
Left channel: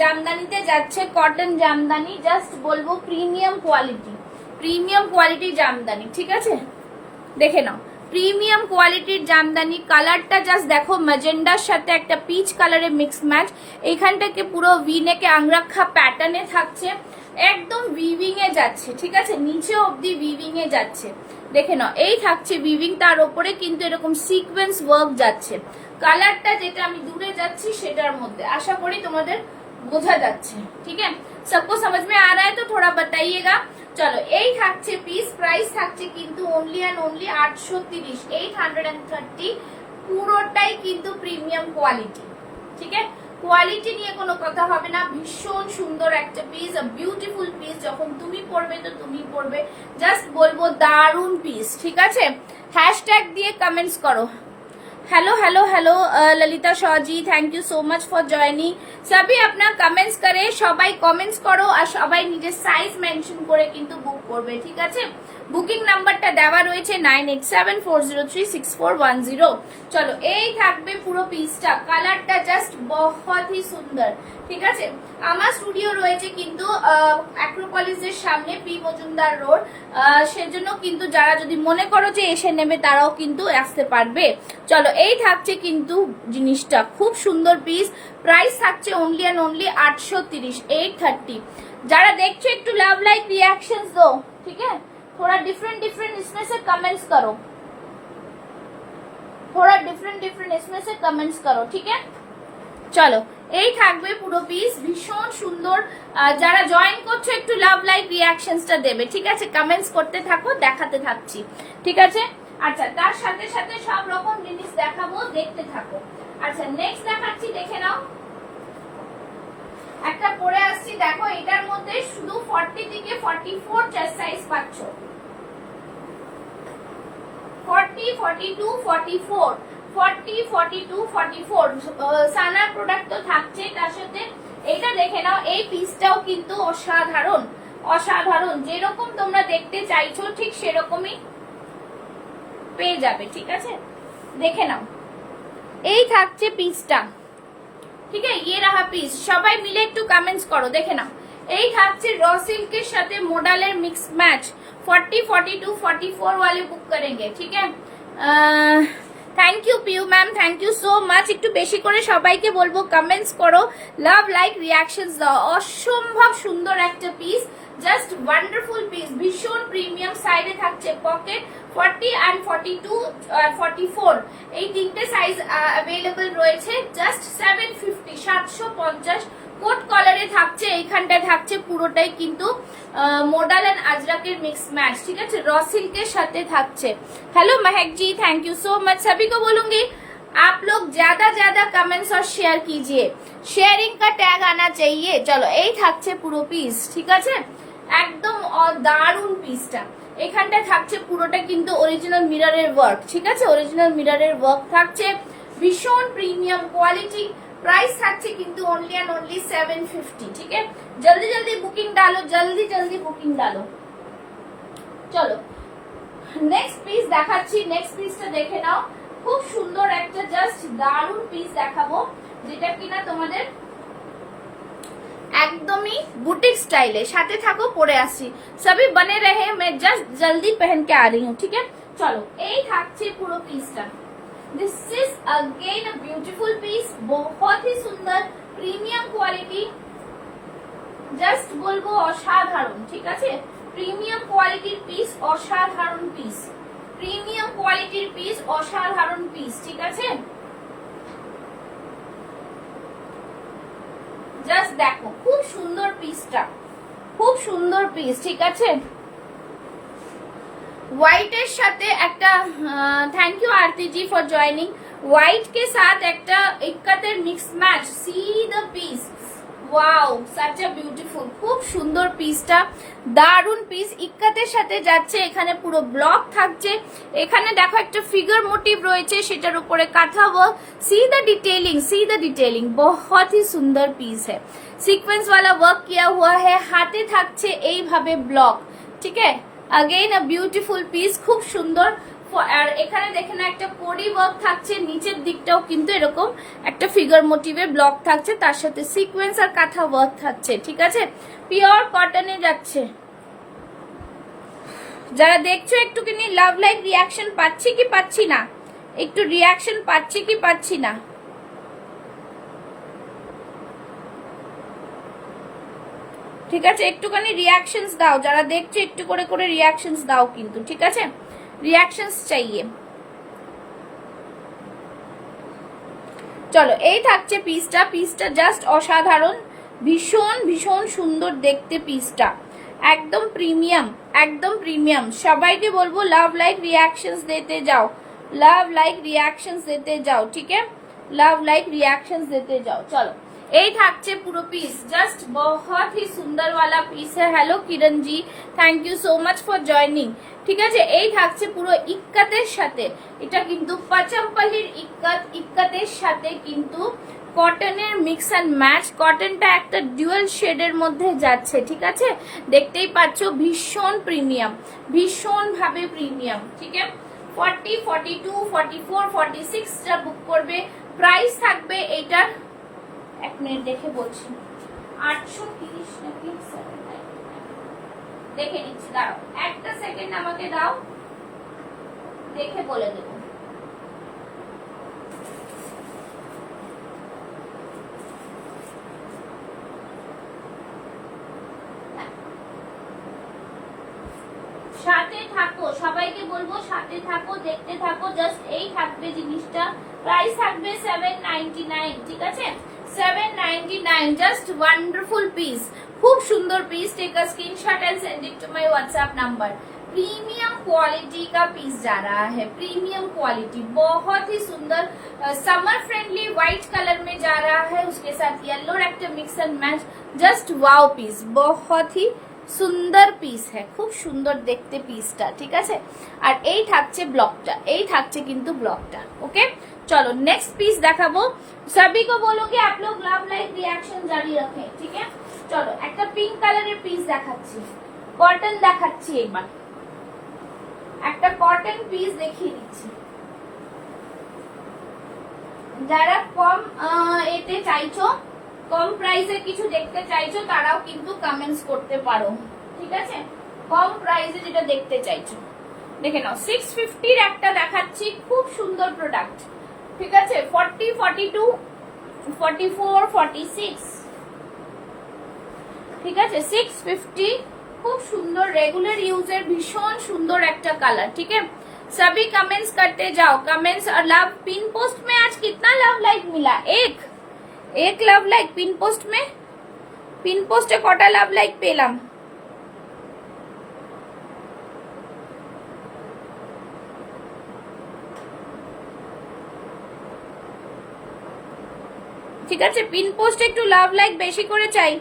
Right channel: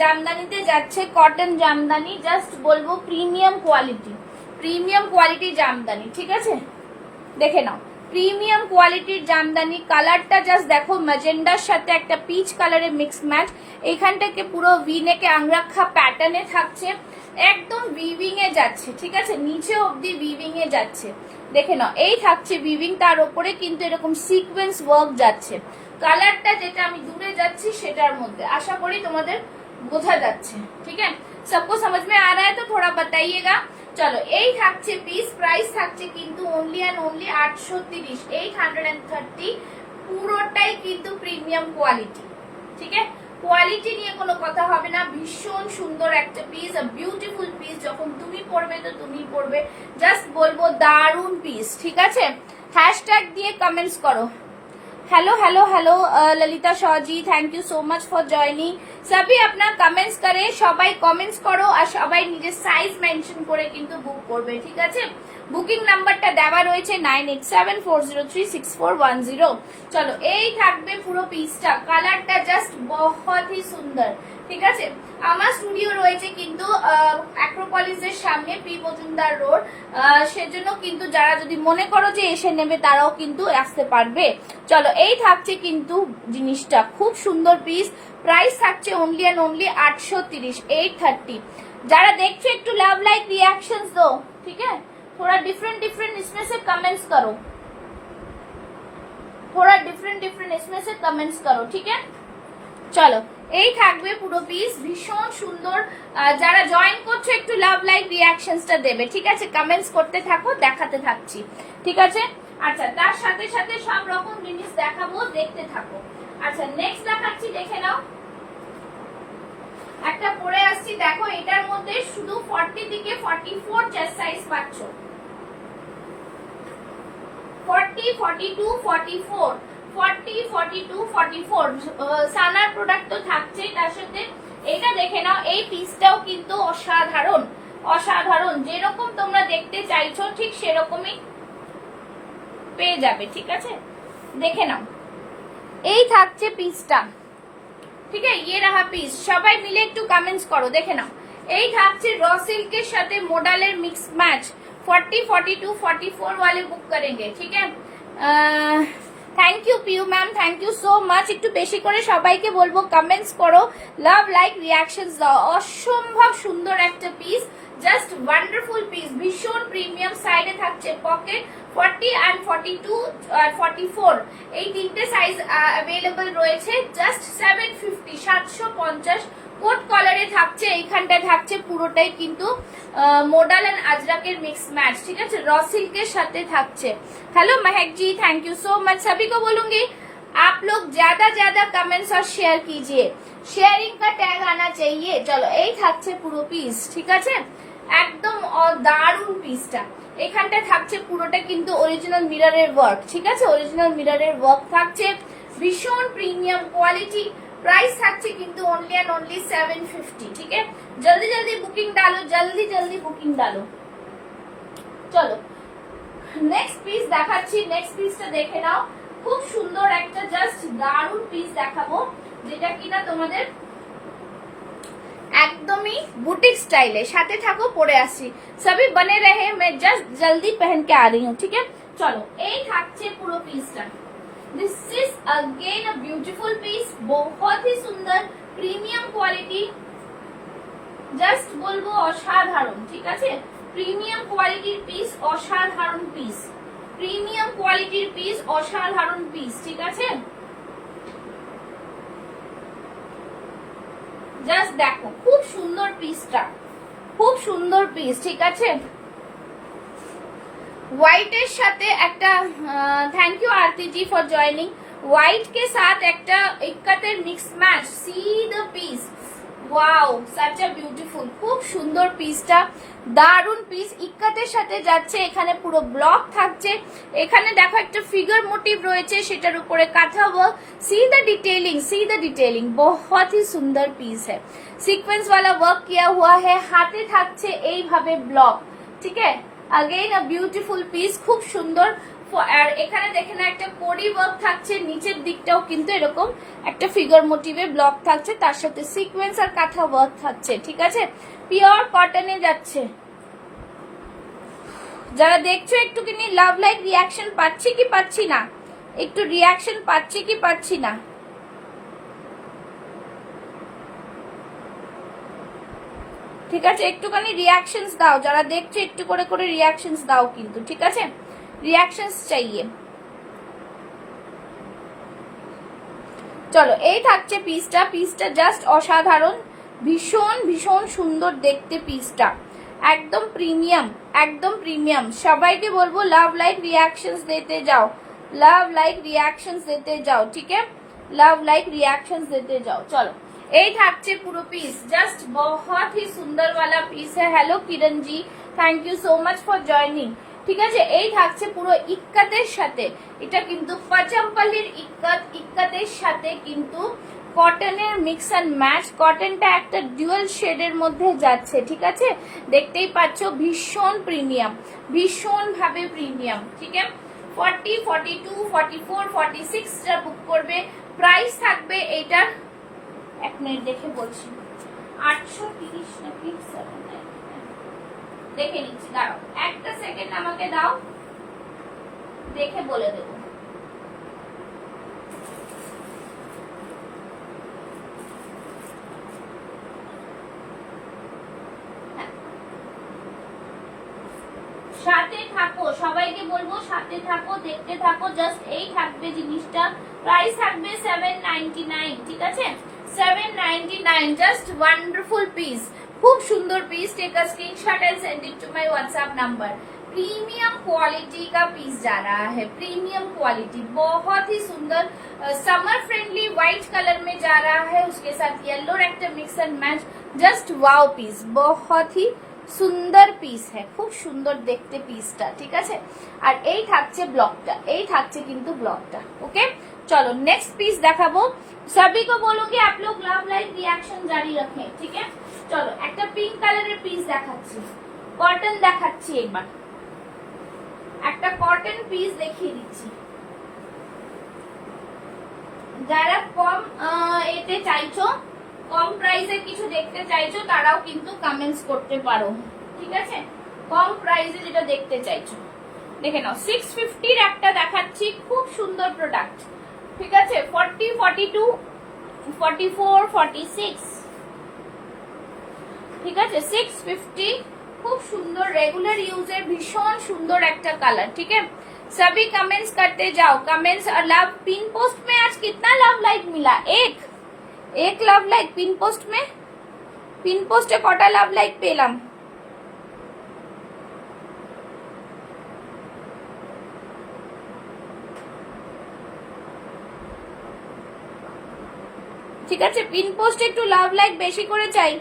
জামদানিতে যাচ্ছে কটন জামদানি জাস্ট বলবো প্রিমিয়াম কোয়ালিটি জামদানি ঠিক আছে দেখে নাও প্রিমিয়াম কোয়ালিটির জামদানি কালারটা জাস্ট দেখো ম্যাজেন্ডার সাথে একটা পিচ কালারের মিক্স ম্যাচ এইখানটাকে পুরো ভি নেকে আংরাখা প্যাটার্নে থাকছে একদম উইভিং এ যাচ্ছে ঠিক আছে নিচে অবধি উইভিং এ যাচ্ছে দেখে নাও এই থাকছে উইভিং তার উপরে কিন্তু এরকম সিকোয়েন্স ওয়ার্ক যাচ্ছে কালারটা যেটা আমি দূরে যাচ্ছি সেটার মধ্যে আশা করি তোমাদের বোঝা যাচ্ছে ঠিক আছে सबको समझ में आ रहा है तो थोड़ा बताइएगा চলো এই থাকছে পিস প্রাইস থাকছে কিন্তু অনলি এন্ড অনলি 830 830 পুরোটাই কিন্তু প্রিমিয়াম কোয়ালিটি ঠিক আছে কোয়ালিটি নিয়ে কোনো কথা হবে না ভীষণ সুন্দর একটা পিস বিউটিফুল পিস যখন তুমি পরবে তো তুমি পরবে জাস্ট বলবো দারুণ পিস ঠিক আছে হ্যাশট্যাগ দিয়ে কমেন্টস করো hello hello hello Lalita Shah ji thank you so much for joining सभी अपना कमेंट्स करे সবাই কমেন্টস করো আর সবাই নিজের সাইজ মেনশন করে কিন্তু বুক করবে ঠিক আছে বুকিং নাম্বারটা দেওয়া রয়েছে 9874036410। চলো এই থাকবে পুরো পিসটা, কালারটা জাস্ট বহুত হি সুন্দর। ঠিক আছে, আমার স্টুডিও রয়েছে কিন্তু অ্যাক্রোপলিসের সামনে, পি মজুমদার রোড, সেজন্য কিন্তু যারা যদি মনে করো যে এসে নেবে তারাও কিন্তু আসতে পারবে। চলো এই থাকছে কিন্তু জিনিসটা, খুব সুন্দর পিস। প্রাইস থাকছে অনলি অ্যান্ড অনলি 830, 830। যারা দেখছো একটু लव लाइक रिएक्शंस दो, ठीक है, थोड़ा डिफरेंट डिफरेंट इसमें से कमेंट्स करो, थोड़ा डिफरेंट डिफरेंट इसमें से कमेंट्स करो, ठीक है। চলো এই থাকবে পুরো পিস, ভীষণ সুন্দর। যারা জয়েন করছো একটু লাভ লাইক রিয়াকশনসটা দেবে, ঠিক আছে, কমেন্টস করতে থাকো, দেখাতে থাকছি, ঠিক আছে। আচ্ছা, তার সাথে সাথে সব রকম জিনিস দেখাবো, দেখতে থাকো। আচ্ছা, নেক্সট দেখাচ্ছি, দেখে নাও। একটা পরে আসছি, দেখো এটার মধ্যে শুধু 40 থেকে 44 চেস্ট সাইজ পাচ্ছ, 40, 42, 44, 40, 42, 44 সানার প্রোডাক্ট তো থাকছেই, তার সাথে এটা দেখে নাও। এই পিসটাও কিন্তু অসাধারণ, অসাধারণ, যেরকম তোমরা দেখতে চাইছো ঠিক সেরকমই পেয়ে যাবে, ঠিক আছে, দেখে নাও। এই থাকছে পিসটা, ঠিক আছে, ये रहा পিস। সবাই মিলে একটু কমেন্টস করো, দেখে নাও। এই থাকছে র সিল্কের সাথে মডেলের মিক্স ম্যাচ, 40, 42, 44 वाले बुक करेंगे, ठीक है। Thank you Piu ma'am, thank you so much. একটু বেশি করে সবাইকে বলবো কমেন্টস করো, লাভ লাইক রিয়াকশনস দাও। অসম্ভব সুন্দর একটা পিস, জাস্ট ওয়ান্ডারফুল পিস, ভীষণ প্রিমিয়াম। সাইডে থাকছে পকেট, 40 and 42 আর 44 এই তিনটে সাইজ অ্যাভেলেবল রয়েছে, জাস্ট 750, 750। কোট কলারে থাকছে, এইখানটা থাকছে পুরোটাই কিন্তু মডাল এন্ড আজরাকের মিক্স ম্যাচ, ঠিক আছে, র সিল্কের সাথে থাকছে। Hello Mahak ji, thank you so much. सभी को बोलूंगी आप लोग ज्यादा ज्यादा कमेंट्स और शेयर कीजिए, शेयरिंग का टैग आना चाहिए। चलो এই থাকছে পুরো পিস, ঠিক আছে, একদম দারুণ পিসটা। এখানটা থাকছে পুরোটা কিন্তু অরিজিনাল মিররের ওয়ার্ক, ঠিক আছে, অরিজিনাল মিররের ওয়ার্ক থাকছে, ভীষণ প্রিমিয়াম কোয়ালিটি। प्राइस থাকছে কিন্তু ओनली एंड ओनली 750, ठीक है। जल्दी जल्दी बुकिंग डालो, जल्दी जल्दी बुकिंग डालो। চলো নেক্সট পিস দেখাচ্ছি, নেক্সট পিসটা দেখে নাও। খুব সুন্দর একটা জাস্ট দারুণ পিস দেখাবো, যেটা কিনা তোমাদের একদমই বুটিক স্টাইলে। সাথে থাকো, পরে আসছি, সবই বনে রহে, मैं जस्ट जल्दी पहन के आ रही हूँ, ठीक है। চলো এই থাকছে পুরো পিসটা। This is again a beautiful piece, बहुत ही सुंदर प्रीमियम क्वालिटी, জাস্ট বলবো অসাধারণ, ঠিক আছে, প্রিমিয়াম কোয়ালিটির পিস, অসাধারণ পিস, প্রিমিয়াম কোয়ালিটির পিস, অসাধারণ পিস, ঠিক আছে। জাস্ট দেখো, খুব সুন্দর পিসটা, খুব সুন্দর পিস, ঠিক আছে। হোয়াইটের সাথে একটা, thank you Aarti ji for joining. White के साथ একটা ইক্কাতের mix match, see the piece, wow, such a beautiful, খুব সুন্দর পিসটা, দারুন পিস। ইক্কাতের সাথে যাচ্ছে, এখানে পুরো ব্লক থাকছে, এখানে দেখো একটা ফিগার মোটিভ রয়েছে, সেটার উপরে কাঁথা work. See the detailing, see the detailing, बहुत ही सुंदर पीस है, सीक्वेंस वाला वर्क किया हुआ है, हाथे থাকছে এইভাবে ব্লক, ঠিক है। अगेन अ ब्यूटीफुल পিস, খুব সুন্দর। আর এখানে দেখে না একটা কোডি ওয়ার্ক থাকছে, নিচের দিকটাও কিন্তু এরকম একটা ফিগার মোটিভের ব্লক থাকছে, তার সাথে সিকোয়েন্স আর কাঁথা ওয়ার্ক থাকছে, ঠিক আছে, পিওর কটনে যাচ্ছে। যারা দেখছো একটুখানি লাভ লাইক রিয়াকশন পাচ্ছি কি পাচ্ছি না, একটু রিয়াকশন পাচ্ছি কি পাচ্ছি না, ঠিক আছে, একটুখানি রিয়াকশনস দাও, যারা দেখছো একটু করে করে রিয়াকশনস দাও কিন্তু, ঠিক আছে, রিয়াকশনস চাইয়ে। চলো এই থাকছে পিসটা, পিসটা জাস্ট অসাধারণ, ভীষণ ভীষণ সুন্দর দেখতে পিসটা, একদম প্রিমিয়াম, একদম প্রিমিয়াম। সবাইকে বলবো লাভ লাইক রিয়াকশনস দিতে যাও, লাভ লাইক রিয়াকশনস দিতে যাও, ঠিক আছে, লাভ লাইक रिएक्शंस देते जाओ। चलो এই থাকছে পুরো পিস, জাস্ট बहुत ही सुंदर वाला পিস है। Hello Kiran ji, thank you so much for joining, ঠিক আছে। এই থাকছে পুরো ইক্কাতের সাথে, এটা কিন্তু পাচাম্পালির ইক্কাত, ইক্কাতের সাথে কিন্তু কটনের মিক্স অ্যান্ড ম্যাচ। কটনটা একটা ডুয়াল শেডের মধ্যে যাচ্ছে, ঠিক আছে, দেখতেই পাচ্ছ, ভীষণ প্রিমিয়াম, ভীষণ ভাবে প্রিমিয়াম। ঠিক আছে, 40, 42, 44, 46 টা বুক করবে। প্রাইস থাকবে এটার, এক মিনিট দেখে বলছি, 830 নাকি 799 দেখে নিচ্ছি, দাঁড়াও একটা সেকেন্ড আমাকে দাও, দেখে বলে দেবো। সাথে থাকো, সবাইকে বলবো সাথে থাকো, দেখতে থাকো, জাস্ট এই থাকবে জিনিসটা। প্রাইস থাকবে 799, ঠিক আছে, 799, জাস্ট ওয়ান্ডারফুল পিস, খুব সুন্দর piece. Take a screenshot and send it to my WhatsApp number. Premium quality का पीस जा रहा है, प्रीमियम क्वालिटी, बहुत ही सुंदर, समर फ्रेंडली व्हाइट कलर में जा रहा है, उसके साथ येलो रेक्टर mix and match, just wow piece, बहुत ही সুন্দর পিস, হ্যাঁ খুব সুন্দর দেখতে পিসটা, ঠিক আছে। আর এই থাকছে ব্লকটা, এই থাকছে কিন্তু ব্লকটা। ওকে, চলো নেক্সট পিস দেখাবো। सभी को बोलोगे आप लोग लव लाइक रिएक्शन जारी रखें, ठीक है। চলো একটা পিঙ্ক কালারের পিস দেখাচ্ছি, কটন দেখাচ্ছি, একবার একটা কটন পিস দেখিয়ে দিচ্ছি। যারা কম এতে চাইছো, কম প্রাইসে কিছু দেখতে চাইছো, তারাও কিন্তু কমেন্টস করতে পারো, ঠিক আছে। কম প্রাইসে যেটা দেখতে চাইছো দেখে নাও। 650 এর একটা দেখাচ্ছি, খুব সুন্দর প্রোডাক্ট, ঠিক আছে। 40, 42, 44, 46, ঠিক আছে। 650, খুব সুন্দর, রেগুলার ইউজের ভীষণ সুন্দর একটা কালার, ঠিক है। सभी कमेंट्स करते जाओ, कमेंट्स। और लव पिन पोस्ट में आज कितना लव लाइक मिला? एक लव लाइक पिन पोस्ट में, पिन पोस्टे कटा लव लाइक पेलाम? ঠিক আছে, পিন পোস্ট একটু লাভ লাইক বেশি করে চাই,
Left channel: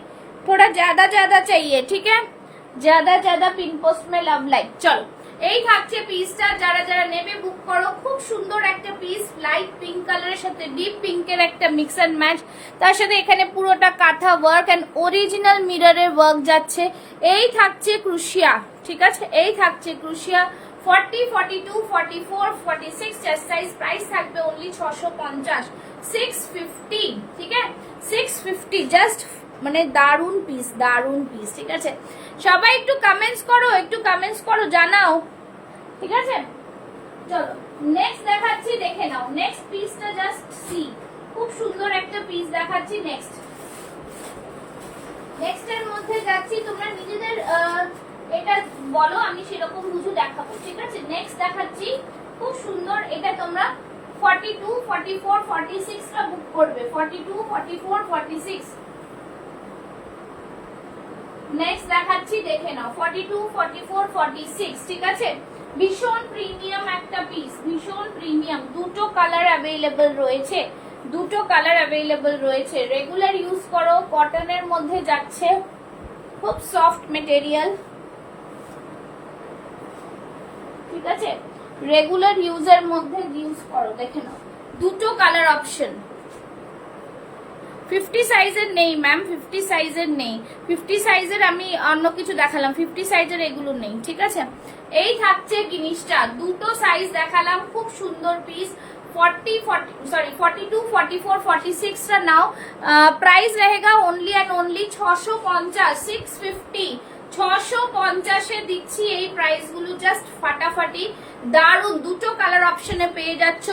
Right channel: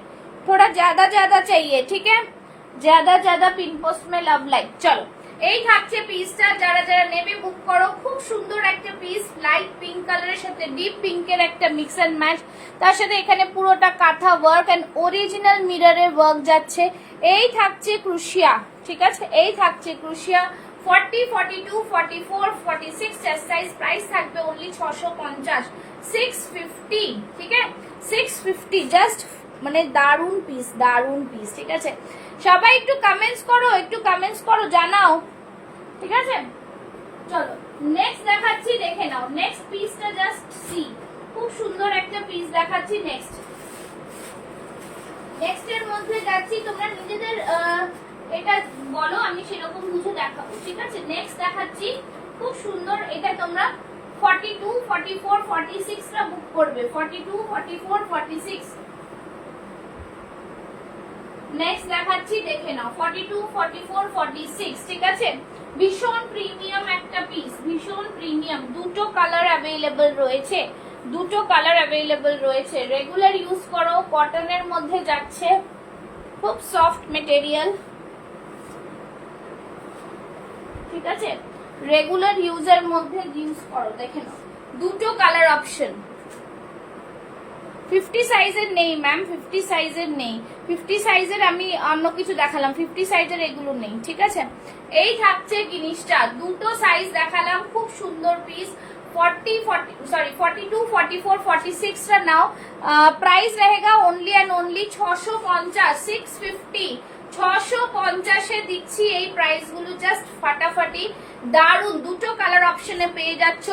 थोड़ा ज्यादा ज्यादा चाहिए, ठीक है, ज्यादा ज्यादा पिन पोस्ट में लव लाइक। चलो এই থাকছে পিসটা, যারা যারা নেবে বুক করো। খুব সুন্দর একটা পিস, লাইট পিঙ্ক কালারের সাথে ডিপ পিঙ্কের একটা মিক্স এন্ড ম্যাচ, তার সাথে এখানে পুরোটা কাঁথা ওয়ার্ক এন্ড অরিজিনাল মিররের ওয়ার্ক যাচ্ছে। এই থাকছে ক্রুশিয়া, ঠিক আছে, এই থাকছে ক্রুশিয়া। 40, 42, 44, 46 চেস্ট সাইজ। প্রাইস থাকবে অনলি 650, 650, ঠিক আছে, 650, জাস্ট মানে দারুন পিস, দারুন পিস, ঠিক আছে। সবাই একটু কমেন্টস করো, একটু কমেন্টস করো, জানাও, ঠিক আছে। চলো নেক্সট দেখাচ্ছি, দেখে নাও নেক্সট পিসটা, জাস্ট সি, খুব সুন্দর একটা পিস দেখাচ্ছি। নেক্সট এর মধ্যে যাচ্ছি, তোমরা নিজেদের এটা বলো, আমি সেরকম কিছু দেখাবো, ঠিক আছে। নেক্সট দেখাচ্ছি, খুব সুন্দর, এটা তোমরা 42, 44, 46 টা বুক করবে, 42, 44, 46। নেক্সট দেখাচ্ছি, দেখে নাও 42, 44, 46, ঠিক আছে। ভীষণ প্রিমিয়াম একটা পিস, ভীষণ প্রিমিয়াম। দুটো কালার অ্যাভেলেবল রয়েছে, দুটো কালার অ্যাভেলেবল রয়েছে। রেগুলার ইউজ করো, কটনের মধ্যে যাচ্ছে, খুব সফট মেটেরিয়াল, ঠিক আছে। রেগুলার ইউজের মধ্যে ইউজ করো, দেখে নাও দুটো কালার অপশন। 50 সাইজের নেই ম্যাম, 50 সাইজের নেই, 50 সাইজের আমি অন্য কিছু দেখালাম, 50 সাইজের এগুলো নেই, ঠিক আছে। এই থাকছে জিনিসটা, দুটো সাইজ দেখালাম, খুব সুন্দর পিস। 42, 44, 46 টা নাও। প্রাইস रहेगा ओनली एंड ओनली 650, 650, 650 দিচ্ছি এই প্রাইস গুলো, জাস্ট ফাটাফাটি, দারুন। দুটো কালার অপশনে পেয়ে যাচ্ছ।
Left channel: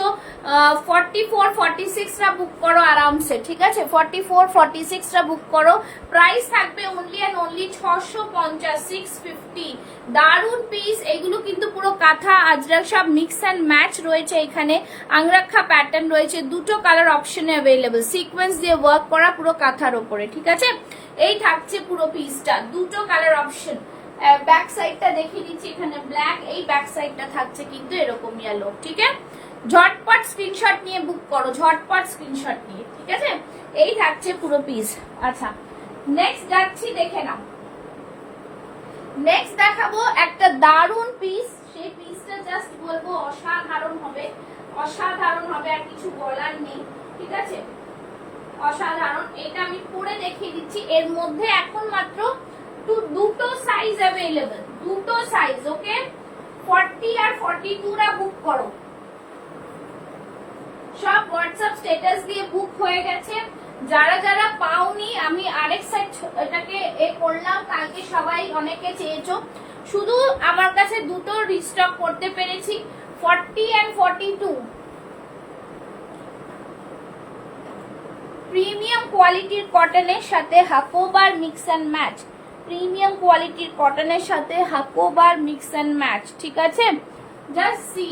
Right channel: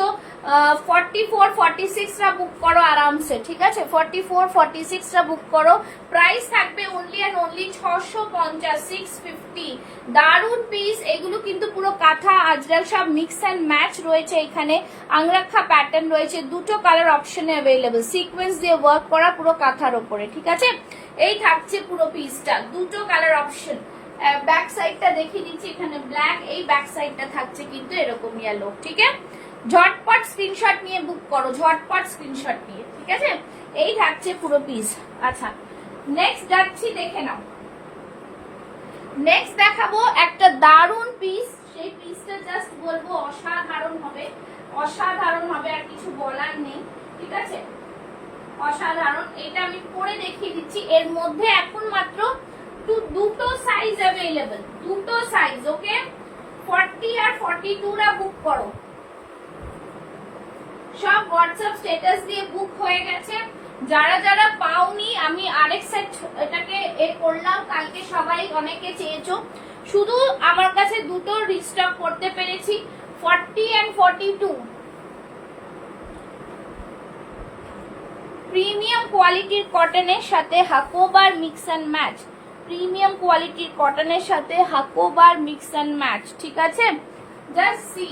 44, 46 টা বুক করো আরামসে, ঠিক আছে। 44, 46 টা বুক করো। প্রাইস থাকবে অনলি এন্ড অনলি 650, 650, দারুন পিস। এগুলো কিন্তু পুরো কাঁথা আজরাক সব মিক্স অ্যান্ড ম্যাচ রয়েছে, এখানে আংরাক্ষা প্যাটার্ন রয়েছে, দুটো কালার অপশনে অ্যাভেলেবল, সিকোয়েন্স দিয়ে ওয়ার্ক করা পুরো কাঁথার ওপরে, ঠিক আছে। এই থাকছে পুরো পিসটা, দুটো কালার অপশন। ব্যাক সাইডটা দেখিয়ে দিচ্ছি, এখানে ব্ল্যাক, এই ব্যাক সাইডটা থাকছে কিন্তু এরকম ইয়েলো, ঠিক আছে। ঝটপট স্ক্রিনশট নিয়ে বুক করো, ঝটপট স্ক্রিনশট নিয়ে, ঠিক আছে। এই থাকছে পুরো পিস। আচ্ছা নেক্সট যাচ্ছি, দেখে নাও। নেক্সট দেখাবো একটা দারুন পিস, সেই পিসটা জাস্ট বলবো অসাধারণ হবে, অসাধারণ হবে, আর কিছু বলার নেই, ঠিক আছে। অসাধারণ। এটা আমি পরে দেখিয়ে দিচ্ছি। এর মধ্যে এখন মাত্র দুটো সাইজ অ্যাভেলেবল, দুটো সাইজ। ওকে, 40 আর 42 রা বুক করো। সব হোয়াটসঅ্যাপ স্ট্যাটাস দিয়ে বুক হয়ে গেছে। যারা যারা পাওনি, আমি আরেক সেট এটাকে করলাম কালকে, সবাই অনেকে চেয়েছো। শুধু আমার কাছে দুটো রিস্টক করতে পেরেছি, 40 and 42। প্রিমিয়াম কোয়ালিটির কটনের সাথে হাকোবার মিক্স অ্যান্ড ম্যাচ, প্রিমিয়াম কোয়ালিটির কটনের সাথে হাকোবার মিক্স অ্যান্ড ম্যাচ। ঠিক আছে, জাস্ট সি,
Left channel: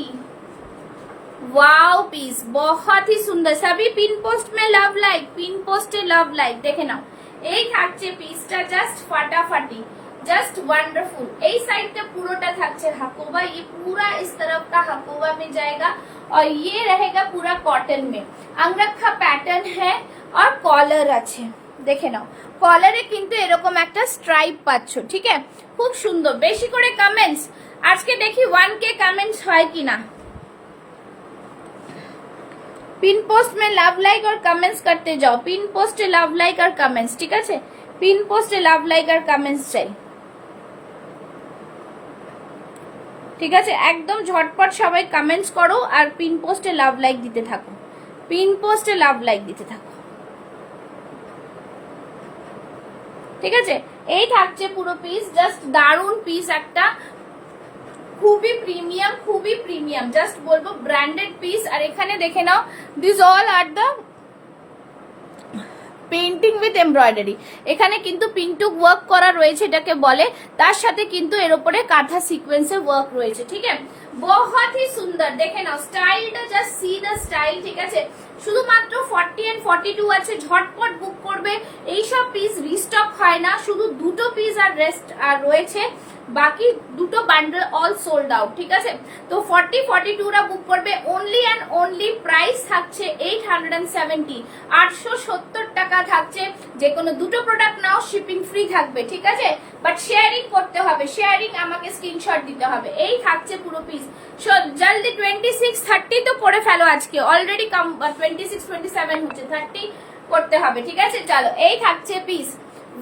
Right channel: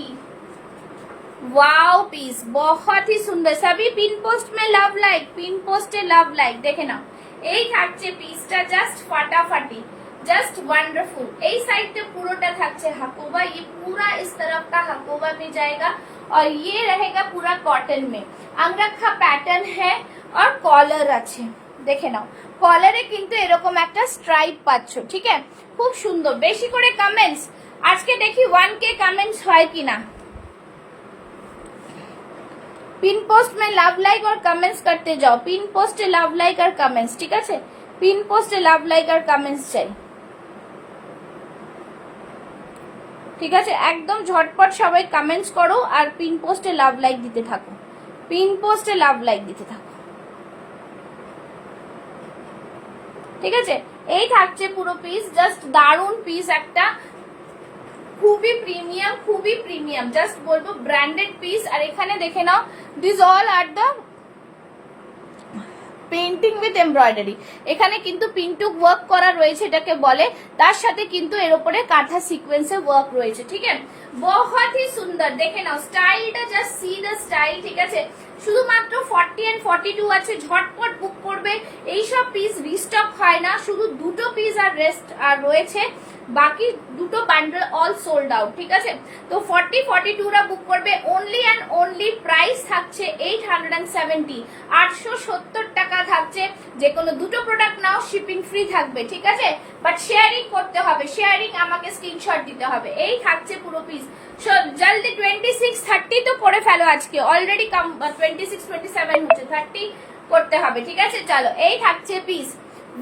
वाओ पीस बहुत ही सुंदर। सभी पिन पोस्ट में love like, pin post love like देखे नाओ। এই থাকছে পিসটা জাস্ট ফাটাফাটি, जस्ट वंडरफुल। এই সাইডটা পুরোটা থাকছে হাকোবা, ये पूरा इस तरफ का हाकोबा में जाएगा और ये रहेगा पूरा कॉटन में। अंगरखा पैटर्न है और कॉलर আছে, দেখে নাও। কলারে কিন্তু এরকম একটা স্ট্রাইপ পাচ্ছ। ঠিক আছে, খুব সুন্দর। বেশি করে কমেন্টস আজকে দেখি 1K কমেন্টস হয় কিনা। पिन पोस्ट में लव लाइक और कमेंट्स करते जाओ, पिन पोस्ट लव लाइक और कमेंट्स। ठीक है, पिन पोस्ट लव लाइक और कमेंट्स चाहिए। ঠিক আছে, একদম ঝটপট সবাই কমেন্টস করো আর পিন পোস্টে লাভ লাইক দিতে থাকো, পিন পোস্টে লাভ লাইক দিতে থাকো। ঠিক আছে, এই থাকছে পুরো পিস, জাস্ট দারুন পিস একটা, খুবই প্রিমিয়াম, খুবই প্রিমিয়াম, জাস্ট বলবো ব্র্যান্ডেড পিস। আর এখানে দেখে নাও, this all are the painting with embroidery. এখানে কিন্তু পিন্টুক ওয়ার্ক করা রয়েছে, এটাকে বলে। তার সাথে কিন্তু এর উপরে কাঁথা সিকোয়েন্সে ওয়ার্ক রয়েছে। ঠিক আছে, বহুত হি সুন্দর। দেখে নাও স্টাইলটা, জাস্ট সি দ্য স্টাইল। ঠিক আছে, শুধুমাত্র 40 and 42 আছে, ঝটপট বুক করবে। এইসব পিস রিস্টক হয় না, শুধু দুটো পিস আর রেস্ট আর রয়েছে, বাকি দুটো বান্ডেল অল সোল্ড আউট। ঠিক আছে, তো 40, 42 রা বুক করবে। অনলি অ্যান্ড অনলি প্রাইস থাকছে 870, 870 টাকা থাকছে। যে কোনো দুটো প্রোডাক্ট নাও, শিপিং ফ্রি থাকবে। ঠিক আছে, বাট শেয়ারিং করতে হবে, শেয়ারিং আমাকে স্ক্রিনশট দিতে হবে। এই থাকছে পুরো পিস। জলদি 26, 30 তো করে ফেলো আজকে, অলরেডি 26, 27 হচ্ছে, 30 করতে হবে। ঠিক আছে, চলো এই থাকছে piece.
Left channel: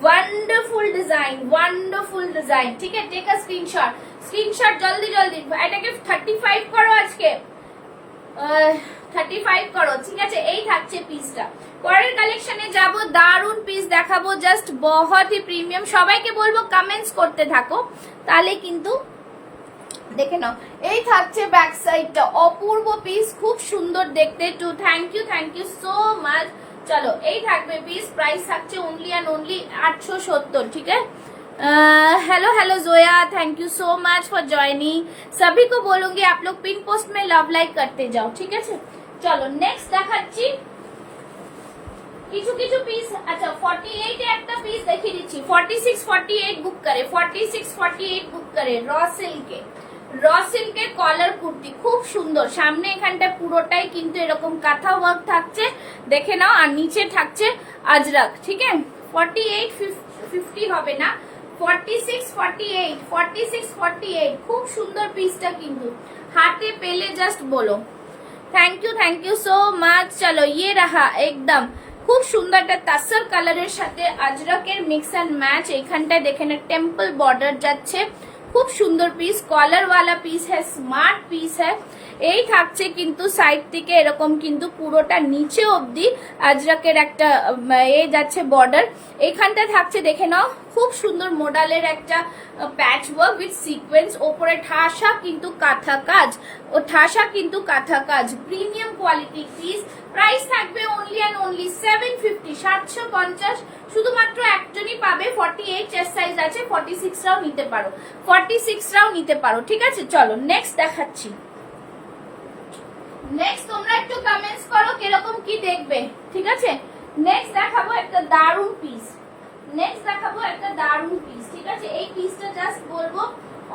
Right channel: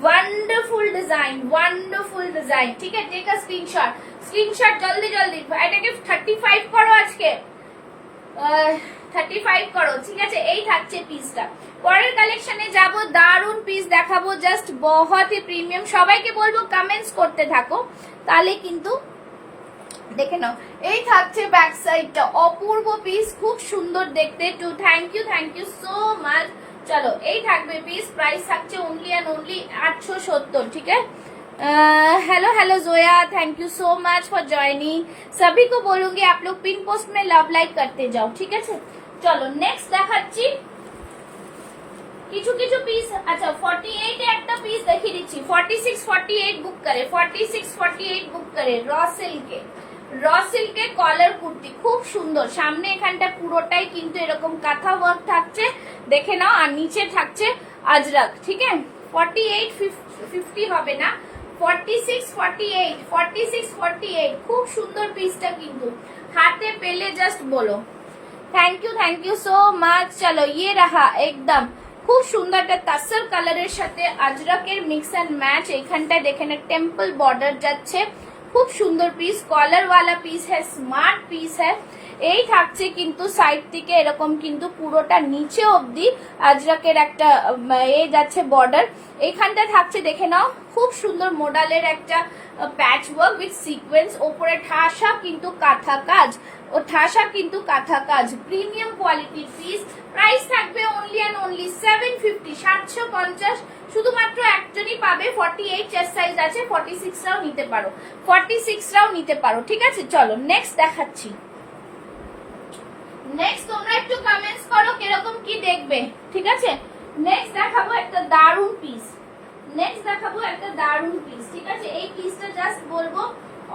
Wonderful design, wonderful design. ঠিক আছে, টেক আ স্ক্রিনশট, স্ক্রিনশট জলদি জলদি। এটাকে 35 করো আজকে, 35 করো। ঠিক আছে, এই থাকছে পিসটা। পরের কালেকশনে যাব, দারুন পিস দেখাবো, জাস্ট বহুত হি প্রিমিয়াম। সবাইকে বলবো কমেন্টস করতে থাকো, তাহলে কিন্তু দেখে নাও। এই থাকছে ব্যাক সাইডটা, অপূর্ব পিস, খুব সুন্দর দেখতে। টু থ্যাংক ইউ সো মাচ। चलो এই থাকবে পিস, প্রাইস থাকছে ओनली एंड ओनली 870। ठीक है, hello hello Zoya, thank you so much for joining. सभी को बोलूंगी आप लोग पिन पोस्ट में लव लाइक करते जाओ। ठीक है, चलो नेक्स्ट দেখাচ্ছি কিছু কিছু পিস। আচ্ছা 48 এ একটা পিস দেখিয়ে দিচ্ছি, 46, 48 বুক করে, 46, 48 বুক করে। র সিল্কে কলার কুর্তি, খুব সুন্দর। সামনে এখানটা পুরোটাই কিন্তু এরকম কাঁথা ওয়ার্ক থাকছে, দেখে নাও। আর নিচে থাকছে আজরাক। ঠিক আছে, 48, 50 হবে না, 46, 48, 46, 48। খুব সুন্দর পিসটা কিন্তু, হাতে পেলে জাস্ট বলো। Thank you so much. চলো ইয়ে রাহা একদম খুব সুন্দর একটা তাসর কালারের সাথে আজরাকের মিক্স এন্ড ম্যাচ। এখানটা দেখে না টেম্পল বর্ডার যাচ্ছে, খুব সুন্দর পিস। কলার वाला পিস है, স্মার্ট পিস है। এই থাকছে কিন্তু সাইড থেকে এরকম কিন্তু পুরোটা নিচে অবধি আজরাকের একটা এই যাচ্ছে বর্ডার। এখানটা থাকছে দেখে নাও, খুব সুন্দর মডেলের একটা প্যাচ ওয়ার্ক উইথ সিকোয়েন্স। ওপরে ঠাসা কিন্তু কাঁথা কাজ, ও ঠাসা কিন্তু কাঁথা কাজ, প্রিমিয়াম কোয়ালিটির পিস। প্রাইস থাকবে অনলি অ্যান্ড অনলি 750, 750। শুধুমাত্র একজনই পাবে। 48 চেস্ট সাইজ আছে, 46 রাও নিতে পারো, 46 রাও নিতে পারো। ঠিক আছে, চলো নেক্সট দেখাচ্ছি। নেক্সট তোমরা একটু কমেন্টস করো কিরকম কি দেখবে। ঠিক আছে, নেক্সট দেখাবো একটা দারুন পিস, নেক্সট দেখাবো একটা দারুন পিস। ঠিক আছে, এই পিসটা জাস্ট বলবো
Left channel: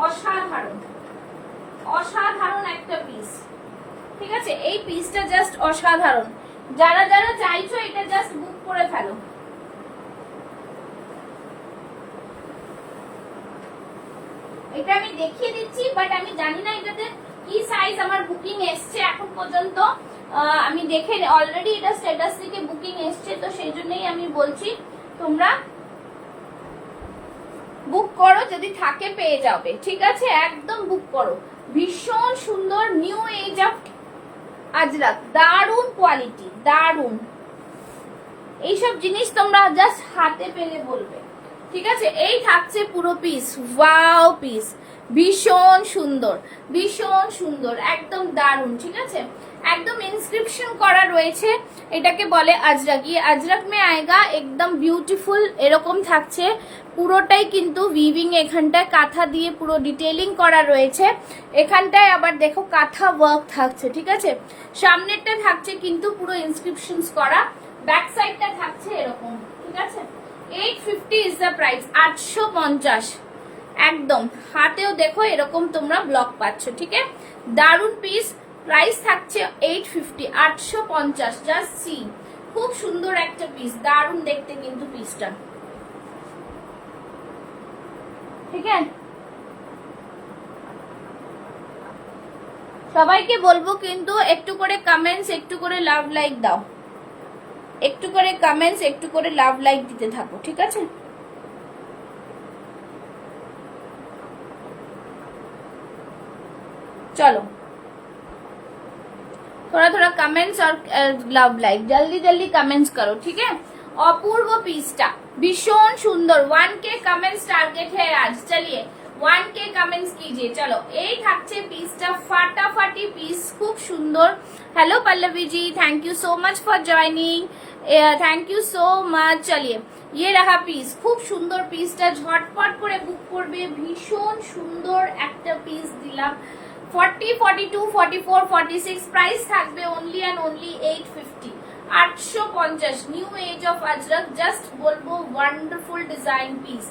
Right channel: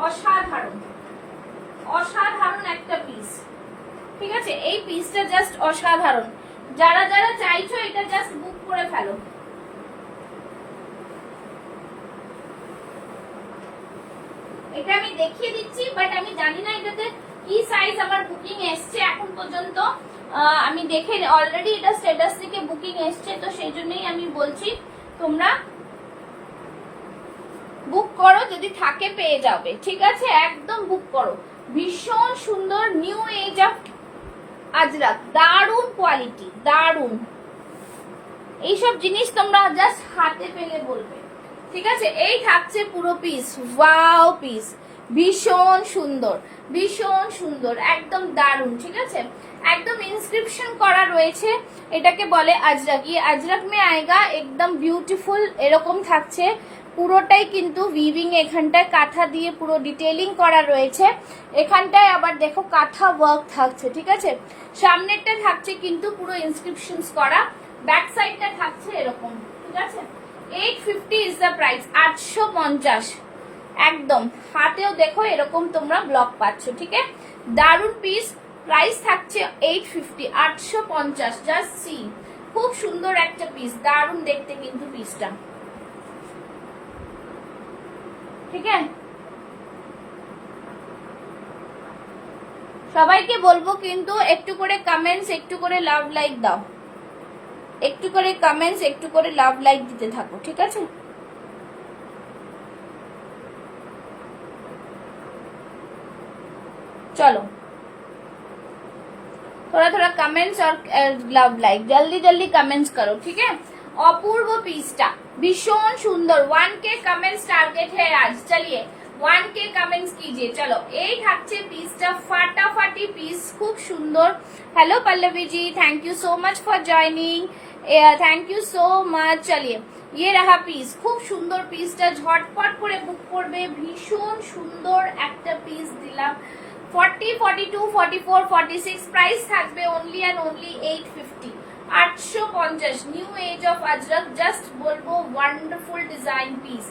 অসাধারণ, অসাধারণ একটা পিস। ঠিক আছে, এই পিসটা জাস্ট অসাধারণ। যারা যারা চাইছো এটা জাস্ট বুক করে ফেলো। এটা আমি দেখিয়ে দিচ্ছি, বাট আমি জানি না এটাতে কি সাইজ আমার বুকিং এসছে এখন পর্যন্ত। আমি দেখে অলরেডি এটা স্ট্যাটাস থেকে বুকিং এসছে, তো সেই জন্যই আমি বলছি তোমরা বুক করো, যদি থাকে পেয়ে যাবে, ঠিক আছে? একদম বুক করো। ভীষণ সুন্দর নিউ এজ অফ আজরাক, দারুন কোয়ালিটি, দারুন। এইসব জিনিস তোমরা জাস্ট হাতে পেলে বলবে, ঠিক আছে? এই থাকছে পুরো পিস, ওয়াও পিস, ভীষণ সুন্দর, ভীষণ সুন্দর, একদম দারুন, ঠিক আছে? একদম ইনস্ক্রিপশন করা রয়েছে, এটাকে বলে আজরাক। ये আজরাক মে আয়েগা, একদম বিউটিফুল এরকম থাকছে পুরোটাই, কিন্তু উইভিং এখানটায় কাঁথা দিয়ে পুরো ডিটেইলিং করা রয়েছে, এখানটায় আবার দেখো কাঁথা ওয়ার্ক থাকছে, ঠিক আছে? সামনেরটা থাকছে কিন্তু পুরো ইনস্ক্রিপশনস করা, ব্যাক সাইডটা থাকছে এরকম, ঠিক আছে? 850 ইজ দ্য প্রাইস, 850। একদম হাতেও দেখো এরকম তোমরা ব্লক পাচ্ছ, ঠিক আছে? দারুন পিস, প্রাইস থাকছে 850, 850। জাস্ট সি, খুব সুন্দর একটা পিস, দারুন দেখতে কিন্তু পিসটা, ঠিক আছে? সবাইকে বলবো কিন্তু একটু করে কমেন্টস, একটু করে লাভ লাইক দাও, একটু করে কমেন্টস, একটু করে লাভ লাইক দিতে থাকো, ঠিক আছে? चलो थोड़ा थोड़ा कमेंट्स और लव लाइक, जल्दी जल्दी कमेंट्स करो, ठीक है? अपूर्व पीसटा भीषण सुंदर, 1K कमेंट्स टारगेट है आज, चलिए 1K कमेंट्स कीजिए। चलो এই থাকছে পিসটা, ফাটাফাটি পিস, খুব সুন্দর। Hello Pallavi ji, thank you so much for joining, thank you so much. চলিয়ে ये रहा পিস, খুব সুন্দর পিসটা, ঝটপট করে বুক করবে, ভীষণ সুন্দর একটা পিস দিলাম। 40, 42, 44, 46 প্রাইস থাকবে only and only 850, 850। New age of Ajrakh, just বলবো ওয়ান্ডারফুল ডিজাইন পিস,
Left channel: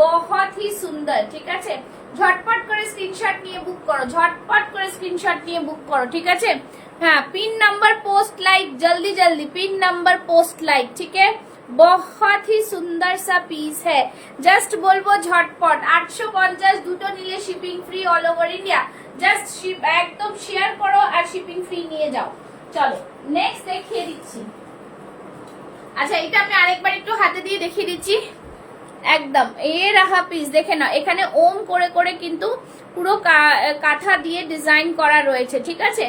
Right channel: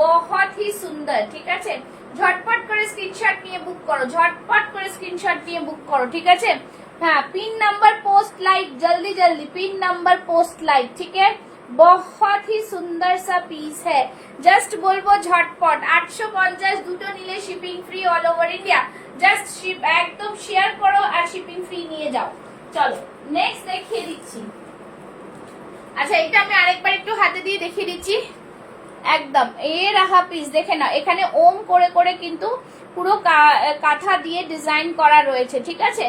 बहुत ही সুন্দর, ঠিক আছে? ঝটপট করে স্ক্রিনশট নিয়ে বুক করো, ঝটপট করে স্ক্রিনশট নিয়ে বুক করো, ঠিক আছে? হ্যাঁ, পিন নাম্বার পোস্ট লাইক, জলদি জলদি পিন নাম্বার পোস্ট লাইক, ঠিক है? बहुत ही सुंदर सा पीस है, जस्ट बोलबो झटपट 850, দুটো নিলে shipping free all over India. Just ship একদম শেয়ার করো আর শিপিং ফ্রি নিয়ে যাও। চলো নেক্সট দেখিয়ে দিচ্ছি। আচ্ছা এটা আমি আরেকবার একটু হাতে দিয়ে দেখিয়ে দিচ্ছি। একদম এই রাখা পিস দেখে নাও, এখানে ওম করে করে কিন্তু পুরো কাঁথা দিয়ে ডিজাইন করা রয়েছে, ঠিক আছে?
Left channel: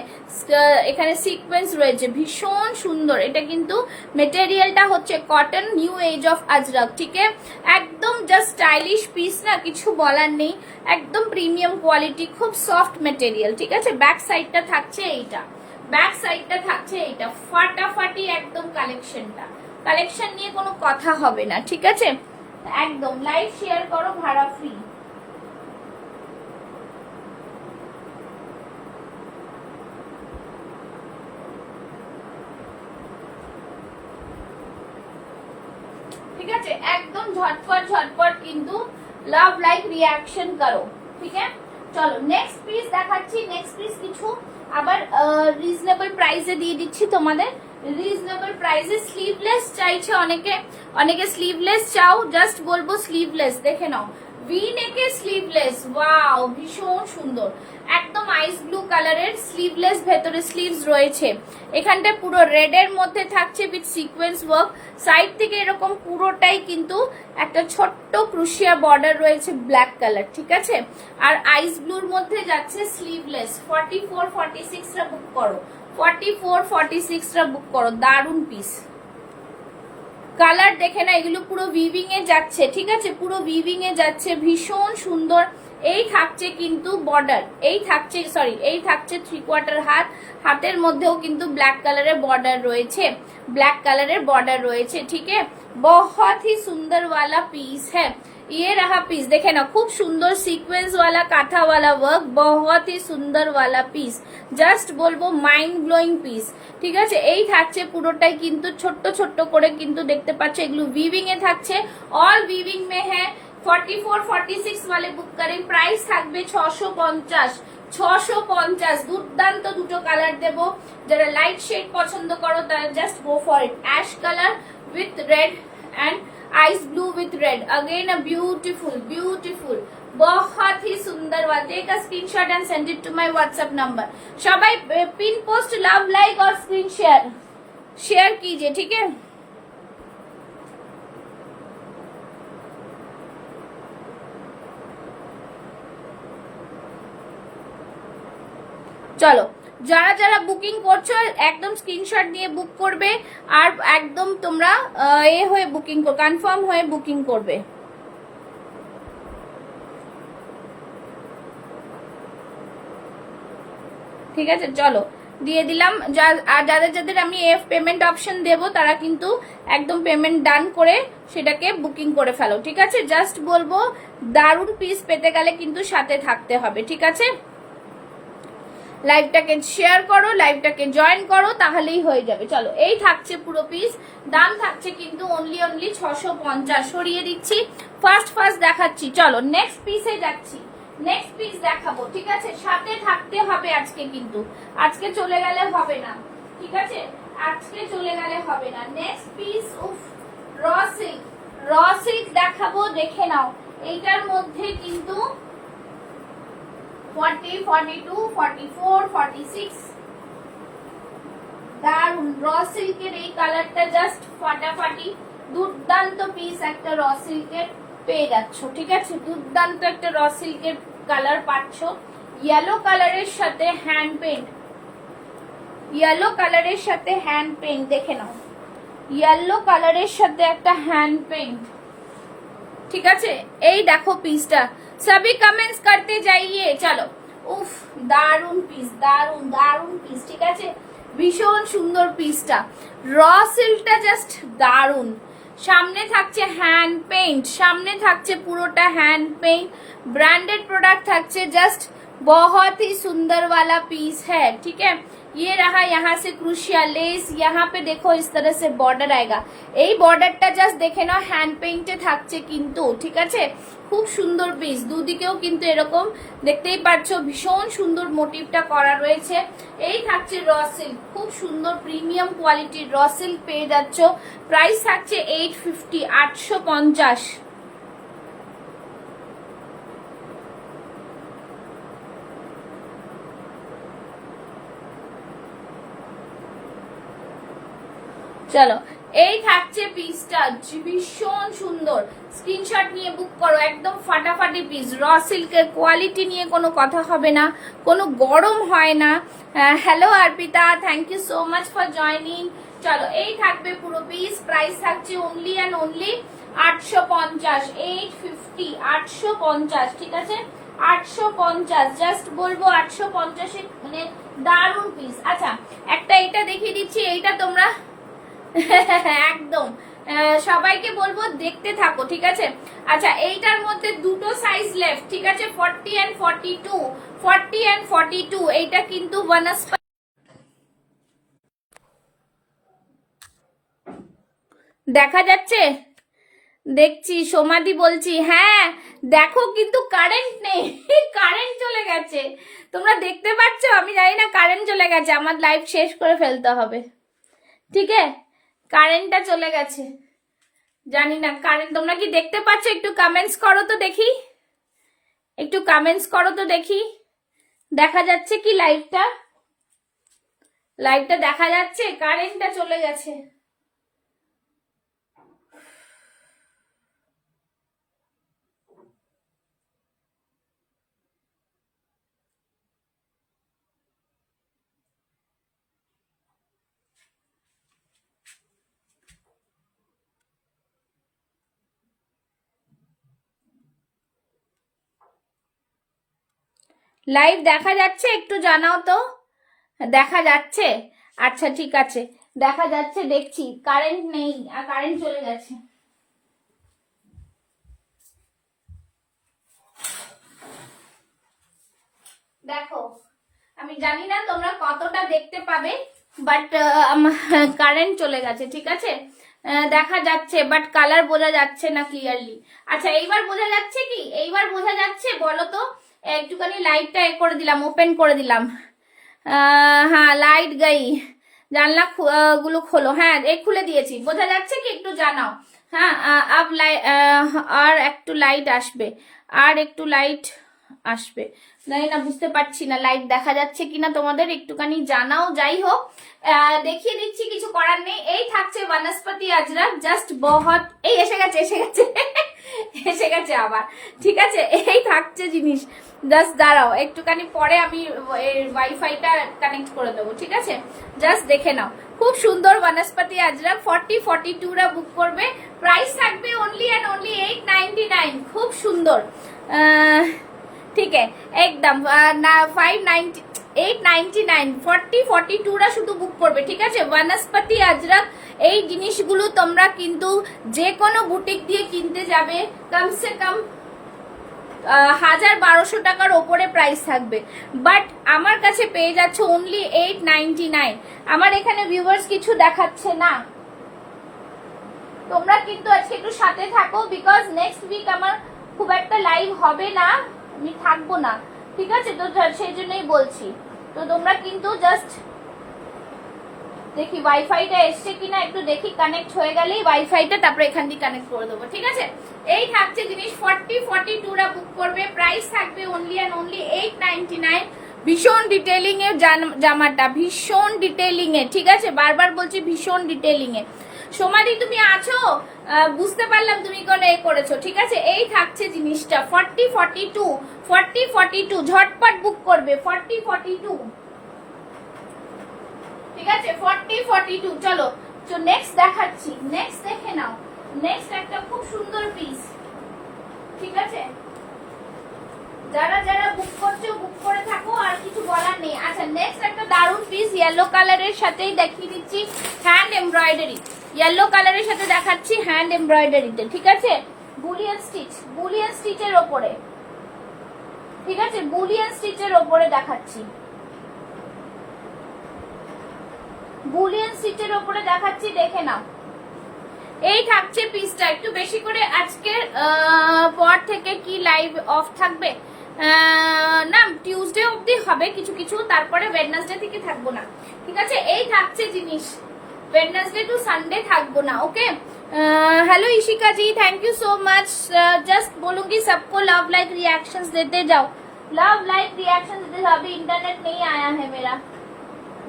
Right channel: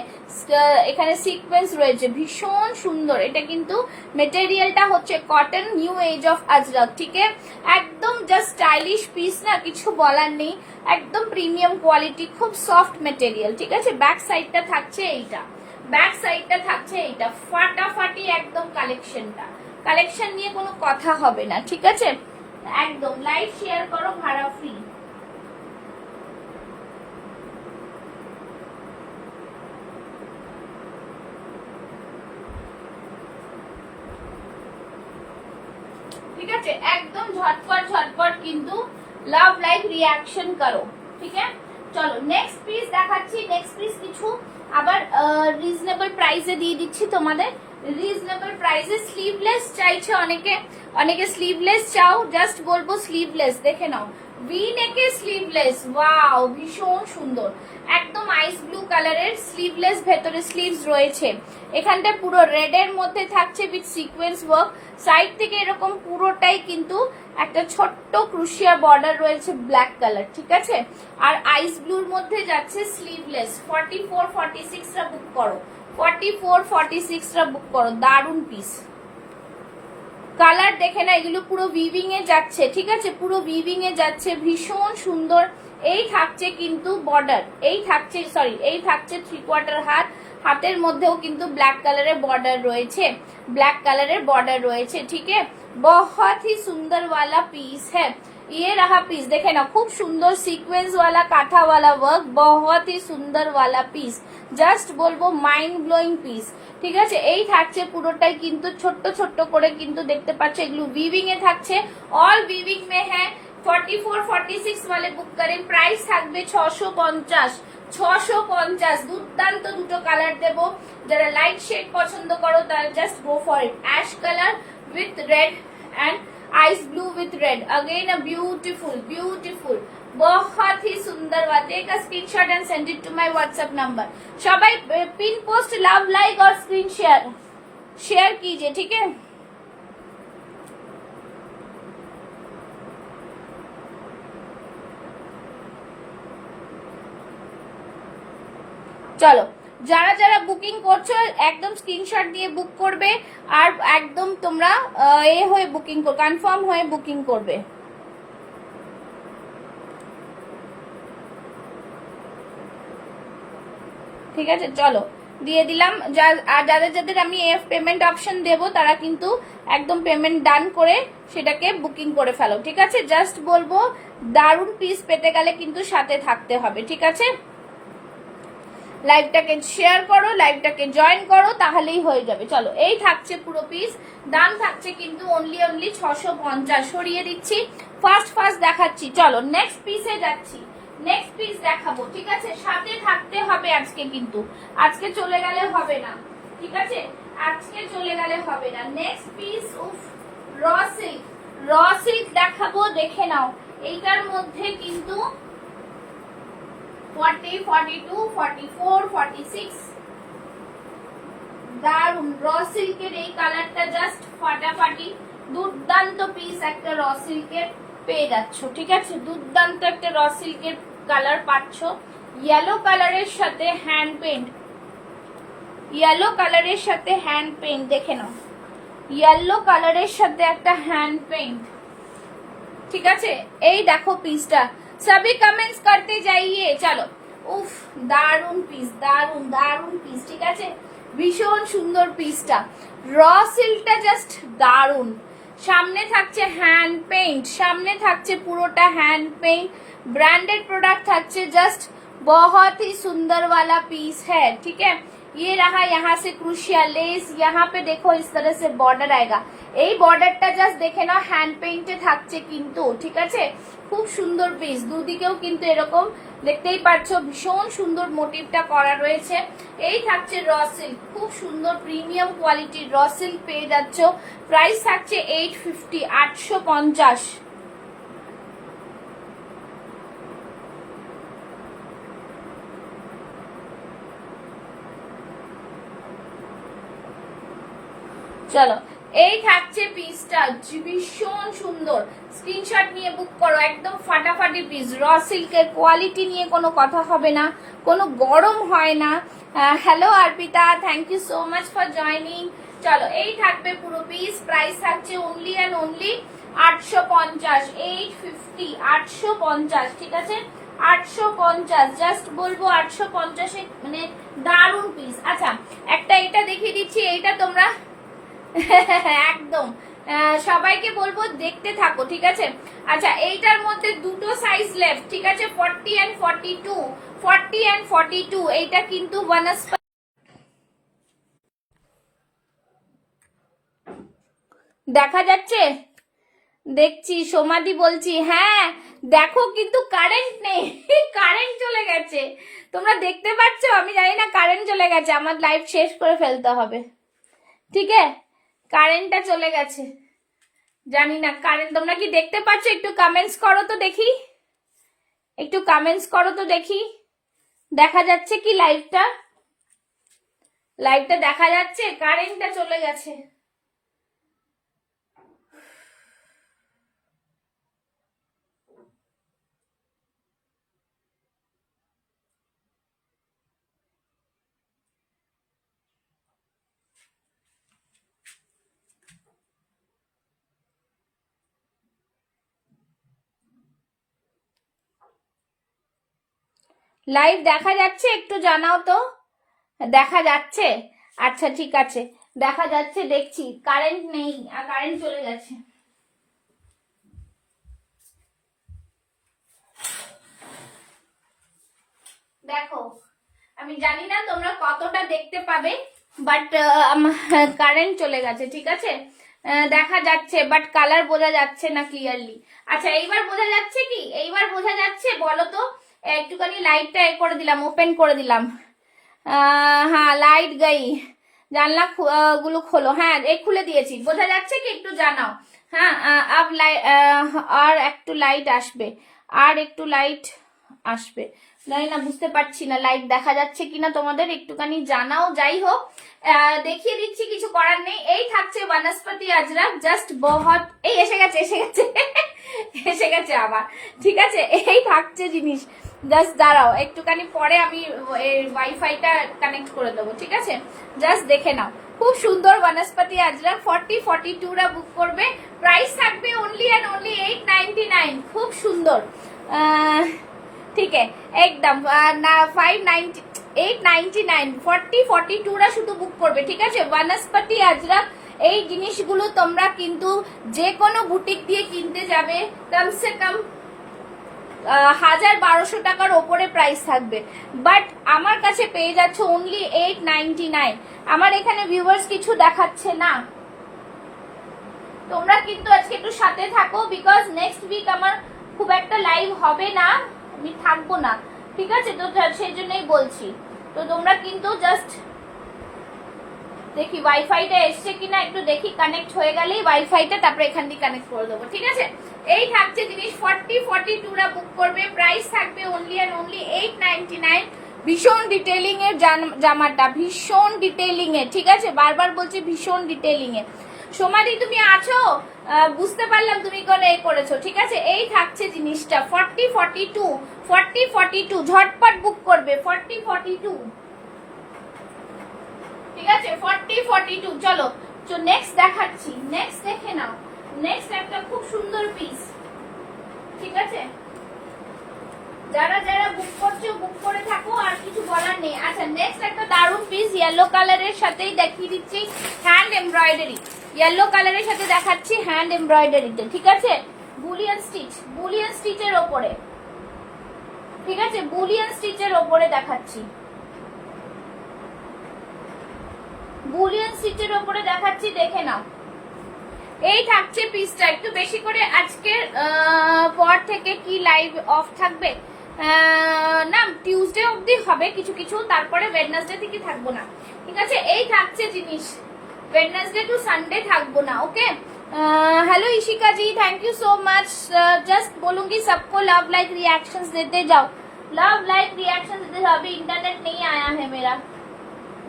এখানে সিকোয়েন্স রয়েছে, ভীষণ সুন্দর। এটা কিন্তু মেটেরিয়ালটা হচ্ছে cotton, new age of ajrakh, ঠিক আছে? একদম জাস্ট স্টাইলিশ পিস না, কিছু বলার নেই, একদম প্রিমিয়াম কোয়ালিটি, খুব সফট মেটেরিয়াল, ঠিক আছে? ব্যাক সাইডটা থাকছে এইটা, ব্যাক সাইডটা থাকছে এইটা, ফাটাফাটি একদম কালেকশনটা, কালেকশন নিয়ে কোনো কথা হবে না, ঠিক আছে? একদম লাইক শেয়ার করো, ভাড়া ফ্রি। ঠিক আছে? একদম ঝটপট ঝটপট কিন্তু লাভ লাইক রিয়াকশন করো, ঠিক আছে? চলো নেক্সট পিস দেখাচ্ছি। নেক্সট পিস কিছু আবার রিজনেবল প্রাইসে দিয়ে দিচ্ছি তোমাদের, রিজনেবল প্রাইসে। স্লিভলেস চাইছে অনেকে, অনেকে স্লিভলেস চাও, জাস্ট বলবো স্লিভলেস দেখে নাও, ভি নেকে স্লিভলেস, ওয়াও ভীষণ সুন্দর, একদম আইস ব্লু কালারের স্লিভলেস, ভেতরে স্লিভস রয়েছে, এখানটা পুরো রেড এর মধ্যে থাকছে উইথ সিকোয়েন্স ওয়ার্ক, সাইড থেকে এরকম পুরোটাই কিন্তু একটা ছোট্ট ক্রুশিয়া বর্ডার রয়েছে ব্ল্যাক কালার, ঠিক আছে? আর আইস ব্লুর মধ্যে যাচ্ছে স্লিভলেস। 44, 46 টা বুক করো, 44, 46 টা বুক করো, দারুন পিস। কালার দেখে না, এগুলো পুরো উইভিং এ যাচ্ছে, ঠিক আছে? পুরো উইভিং এ যাচ্ছে, ভীষণ সুন্দর। এই থাকছে কিন্তু বর্ডার, এই থাকছে সরি এই থাকছে 3/4 হাত, হাতের মধ্যেও কিন্তু ব্ল্যাক কালারের বর্ডার রয়েছে, ব্ল্যাক কালারের বর্ডার রয়েছে, ঠিক है? बहुत ही सुंदर वाला पीस है ये रहा पीस, देखे ना खूब सुंदर सीक्वेंस वाला काथा वाला वर्क, बहुत ही सुंदर वाला पीस, জাস্ট বলবো মাইন্ড ব্লোয়িং পিস, ঠিক আছে? এই থাকছে পুরোটাই কিন্তু ছোট্ট ছোট্ট করে কিন্তু দেখতে পাচ্ছ, এগুলো উইভিং এ থাকছে, অল উইভিং মে হ্যাঁ। 44, 46 वाले बुक करें, प्राइस থাকবে 650, 650। দুর্দান্ত দুটো কালার দেবো, যারা লাইট শেড পছন্দ করো তারা just go for it. Ash colour with red and ice blue with red, again a beautiful beautiful, बहुत ही सुंदर बात। Take a screenshot and send it to my WhatsApp number. सबाई पिन पोस्ट लव लाइक और screen share कीजिए, ठीक है। চলো, যারা যারা বুকিং করছো একদম স্ক্রিনশট দিয়ে বুক করবে, আর একদম তোমরা এ হয়ে বুকিং কনফার্ম হয়ে বুকিং করবে। ঠিক আছে, চলো দিয়ে দিলাম। আর যাদের যাদের আমি এফ পেমেন্ট অপশন দেব তারা কিন্তু একদম পেমেন্ট ডান করে সেটাকে বুকিং করে ফেলো, ঠিক আছে। জাস্ট বলবো দারুণ পিস পেতে গেলে কিন্তু সাথে থাকতে হবে, ঠিক আছে। লাইভটাকে শেয়ার করো, লাইভটাকে জয়েন করো, তাহলেই হয়ে যাবে। চলো, এই থাকছে পুরো পিস, দাম থাকছে কিন্তু অনলি 650। সরিয়ে দিচ্ছি, ফার্স্ট দেখাচ্ছি। চলো নেক্সট পিসে যাচ্ছি, নেক্সট পিস দেখাবো, ঠিক আছে। সাথে থাকতে হবে আজকে, কিন্তু আজকে চলে গেলে হবে না, ঠিক আছে, আজকে চলে গেলে হবে না। নেক্সট পিস, উফ, র সিল্ক দেখাবো, দেখে নাও। এইটার মধ্যে কিন্তু 40, 42, 44, 46 দারুন র সিল্কের এই কালারটা জাস্ট ফাটাফাটি, দুর্দান্ত পিস একটা র সিল্কের পেয়ে যাচ্ছ, ঠিক আছে। দুর্দান্ত একটা র সিল্কের কালার পাচ্ছ, ইয়েলো কালারের সাথে হ্যান্ড পেইন্ট, ইয়েলো কালারের সাথে হ্যান্ড পেইন্ট, দেখে নাও, ইয়েলো কালারের সাথে একটা হ্যান্ড পেইন্ট, ঠিক আছে। এই দেখো পিসটা, সবই কমেন্টস করতে যাইয়ে। চলো, উফ, দারুন পিস, দারুন দারুন পিস, ঠিক আছে, ভীষণ সুন্দর পিসটা। র সিল্কটা জাস্ট দারুন। সামনে থাকছে হ্যান্ড পেইন্ট, সামনে থাকছে পুরোটা হ্যান্ড पेंट, ब्रांडेड प्रोडक्ट থাকছে, জাস্ট बहुत ही सुंदर वाला पीस है, ठीक है। ये रहा यहाँ से क्रूशिया लेस, यहाँ पे देखो इस तरह से बॉर्डर आएगा। এই বর্ডারটা জাস্ট দেখে নাও, হ্যান্ড পেইন্টে থাকছে কিন্তু, ঠিক আছে। খুব সুন্দর পিস, দুদিকেও কিন্তু এরকম দেখতেই পাচ্ছ, ভীষণ সুন্দর মোটিভটা করা রয়েছে। এই থাকছে র সিল্ক, খুব সুন্দর প্রিমিয়াম কোয়ালিটির র সিল্ক পেয়ে যাচ্ছ। প্রাইস থাকছে 850, 850। চলো, এই থাকছে পিসটা, ভীষণ সুন্দর। স্ক্রিনশট নিয়ে বুক করো, একদম ফাটাফাটি পিস। র সিল্কের কোয়ালিটি নিয়ে কোনো কথা হবে না, কোনো গরম হয় না। Hello Arpita, thank you so much for joining. চলো, এই থাকবে পুরো পিস, প্রাইস থাকছে অনলি অ্যান্ড অনলি 850, 850, 850, ঠিক আছে, 850। জাস্ট বলবো 850 মানে দারুণ পিস। আচ্ছা, একটা এটা দেখিয়ে দিচ্ছি, এইটা তোমরা একদম সবাইকে বলবো দেখতে থাকো, ঠিক আছে। আচ্ছা, এইটার মধ্যে দুটো সাইজ লেফট, ঠিক আছে, 40 and 42, 40 and 42। এইটা কিন্তু বনস্পতি দেখা যাচ্ছে, দেখছি সোমাদি বলছি, হ্যাঁ দেখো, কিন্তু কারেন্ট নেই, কারেন্ট চলে গেছে, তোমরা দেখতে পাচ্ছ, আমি জানি না, কারেন্ট চলে গেছে, আমার লাইভ শেষ করে ফেলতে হবে, ঠিক আছে। কারেন্টটা চলে গেছে, জানি না কারেন্ট, তোমরা কি দেখতে পাচ্ছ? একটু কমেন্টস করো তো দেখি, একটু কমেন্টস করো তো দেখি, দেখা যাচ্ছে কি লাইভটা? লাইভটা দেখা যাচ্ছে? কারেন্টটা চলে গেছে। লাইভ দেখা যাচ্ছে? একটু জানাও তো, দেখা যাচ্ছে? আচ্ছা ঠিক আছে, দেখা যাচ্ছে, দেখছি। কারেন্ট নেই, আর কারেন্ট চলে গেছে। দেখো, আমি জানি না তোমরা কতটা দেখতে পাবে, বাট কারেন্ট চলে গেছে, ঠিক আছে। দেখা যাচ্ছে, বাট কালার বোঝা যাচ্ছে না ক্লিয়ারলি। আচ্ছা, এইবার বোঝা যাচ্ছে কি? এইবার বোঝা যাচ্ছে বলো তো? একটুখানি লাইটটা করে দিলাম, ওপেন করে দিলাম। হ্যাঁ, লাইট গাই, জানলা গুলো খোলো। হ্যাঁ, এই খুলে দিয়েছি, বোঝা যাচ্ছে কি? একটু জানাও। হ্যাঁ আব আর একটু লাইট আসবে, আর একটু লাইট আসবে। জানি না, বুঝতে পারছি না লাইট দেখা যাচ্ছে কিনা তোমাদের, একটুখানি জানাও। যাই হোক, দেখিয়ে দিচ্ছি, কিছু করার নেই। এই থাকছে বনস্পতি আজরাক, জাস্ট বহুত, এই এসে গেছে এসে গেছে এসে গেছে আবার, ঠিক আছে। এই থাকছে জিনিস, জাস্ট দাঁড়াও একটুখানি, পরে আমি ওয়াইফাইটা কানেক্ট করে দেবো, ঠিক আছে। জাস্ট দেখে নাও, খুব সুন্দর বনস্পতি আজরাক। 40-42 রা বুক করবে, প্রাইস থাকবে অনলি অ্যান্ড অনলি 899। খুব সুন্দর, ঠিক আছে একদম 590, 899, 40-42 রা শুধু বুক করবে, ঠিক আছে। বনস্পতি আজরাক, এই জিনিসগুলো তোমরা কিন্তু যে কোনো বুটিক দিয়ে কিনতে যাবে, কমসে কম 1000-1200 টাকার ওপরে প্রাইস থাকবে, বাট আমার কাছে পেয়ে যাচ্ছে অনলি 899। আমার এখানে ভিউয়ার্স কিছু দেখাচ্ছে না, তোমরা কিন্তু আজকে একটু সাথে থাকো, বিকজ নেক্সট উইক আমার খুব একটা লাইভ হবে না, আমি থাকবো না, ঠিক আছে। তো সেই জন্যই বলছি, তো তোমরা কিন্তু জাস্ট দেখি ওয়াইফাইটা এসছে কিনা, একটু দেখি, কানেক্ট হয়ে গেলেই ওয়াইফাইটা তারপরে এখান দিয়ে কানেক্ট করে দেবো, ঠিক আছে। এই থাকছে জিনিস, 40-42 রা বুক করবে, প্রাইস থাকবে অনলি অ্যান্ড অনলি 899। ভীষণ ডিটেইলিং এর জামাটা, ভীষণ ডিটেইলিং এর, ঠিক আছে, বারবার বলছি ভীষণ ডিটেইলিং এর। সোমাদি তুমি আছো, বুঝতে পারলাম তুমি কোন এ করেছো, ঠিক আছে। এই থাকছে জিনিসটা 40-42, ঝটপট বুক করবে 40-42, ঠিক আছে। 40-42, চলো নেক্সট দেখাচ্ছি, নেক্সট দেখে নাও। নেক্সট একটা খুব সুন্দর পিস, ঠিক আছে। যারা যারা বুক করছো বুক করে থাকো, আর কিছু বলার নেই। আচ্ছা, নেক্সট একটা দারুন পিস, ইয়েলো কালারের সাথেই দেখিয়ে দিচ্ছি, হ্যান্ড এমব্রয়ডারি, ইয়েলো কালারের সাথে দেখাচ্ছি হ্যান্ড এমব্রয়ডারিতে, ঠিক আছে। বুলিয়ান স্টিচ, বুলিয়ান স্টিচের ওপরে, ঠিক আছে, বুলিয়ান স্টিচের ওপরে দেখাচ্ছি, বুলিয়ান স্টিচের ওপরে দেখাচ্ছি, দেখে নাও। এই থাকছে পিসটা, একটু বেশি করে আজকের পর থেকে কি লাইভ অফ থাকবে না, টিউসডে অবধি হবে কিছু কিছু, তারপরে ওয়েডনেসডে থেকে থাকবো না, ঠিক আছে। এই থাকছে জিনিস, ওয়েডনেসডে টু সানডে থাকবো না, okay. Hello Ishika ji, thank you so much. Just बोलूंगी सबको लव लाइक रिएक्शंस देते जाओ, लव लाइक रिएक्शंस देते जाओ। अभी इंटरनेट नहीं आया है मेरा,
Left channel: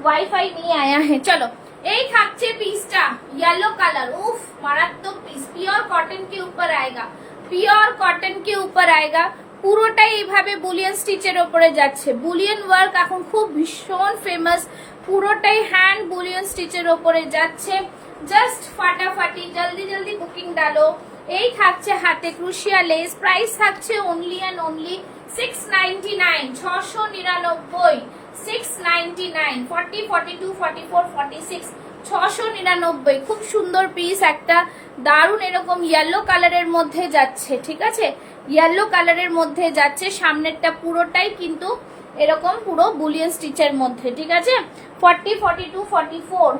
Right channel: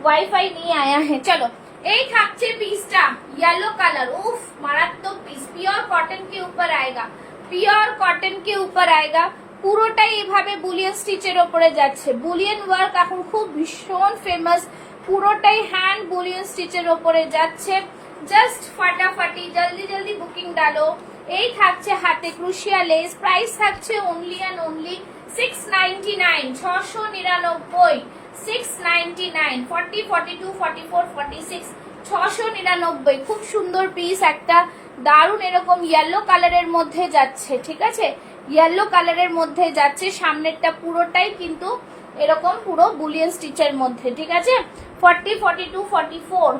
वाईफाई नहीं आया है। चलो, এই থাকছে পিসটা, येलो कलर, उफ মারাত্মক পিস, পিওর কটন के ऊपर आएगा, পিওর কটন के ऊपर आएगा। পুরোটাই এইভাবে বুলিয়ান স্টিচের উপরে যাচ্ছে, বুলিয়ান ওয়ার্ক এখন খুব ভীষণ ফেমাস, পুরোটাই হ্যান্ড বুলিয়ান স্টিচের উপরে যাচ্ছে। জাস্ট ফাটাফাটি, জলদি জলদি বুকিং ডালো। এই থাকছে হাতে ক্রুশিয়া লেস, প্রাইস থাকছে অনলি অ্যান্ড অনলি 699, 699, 699, 40, 42, 44, 46, 699। খুব সুন্দর পিস একটা, দারুন, এরকম ইয়েলো কালারের মধ্যে যাচ্ছে, ঠিক আছে, ইয়েলো কালারের মধ্যে যাচ্ছে। সামনেরটা পুরোটাই কিন্তু এরকম পুরো বুলিয়ান স্টিচের মধ্যে, ঠিক আছে। 40, 42, 44।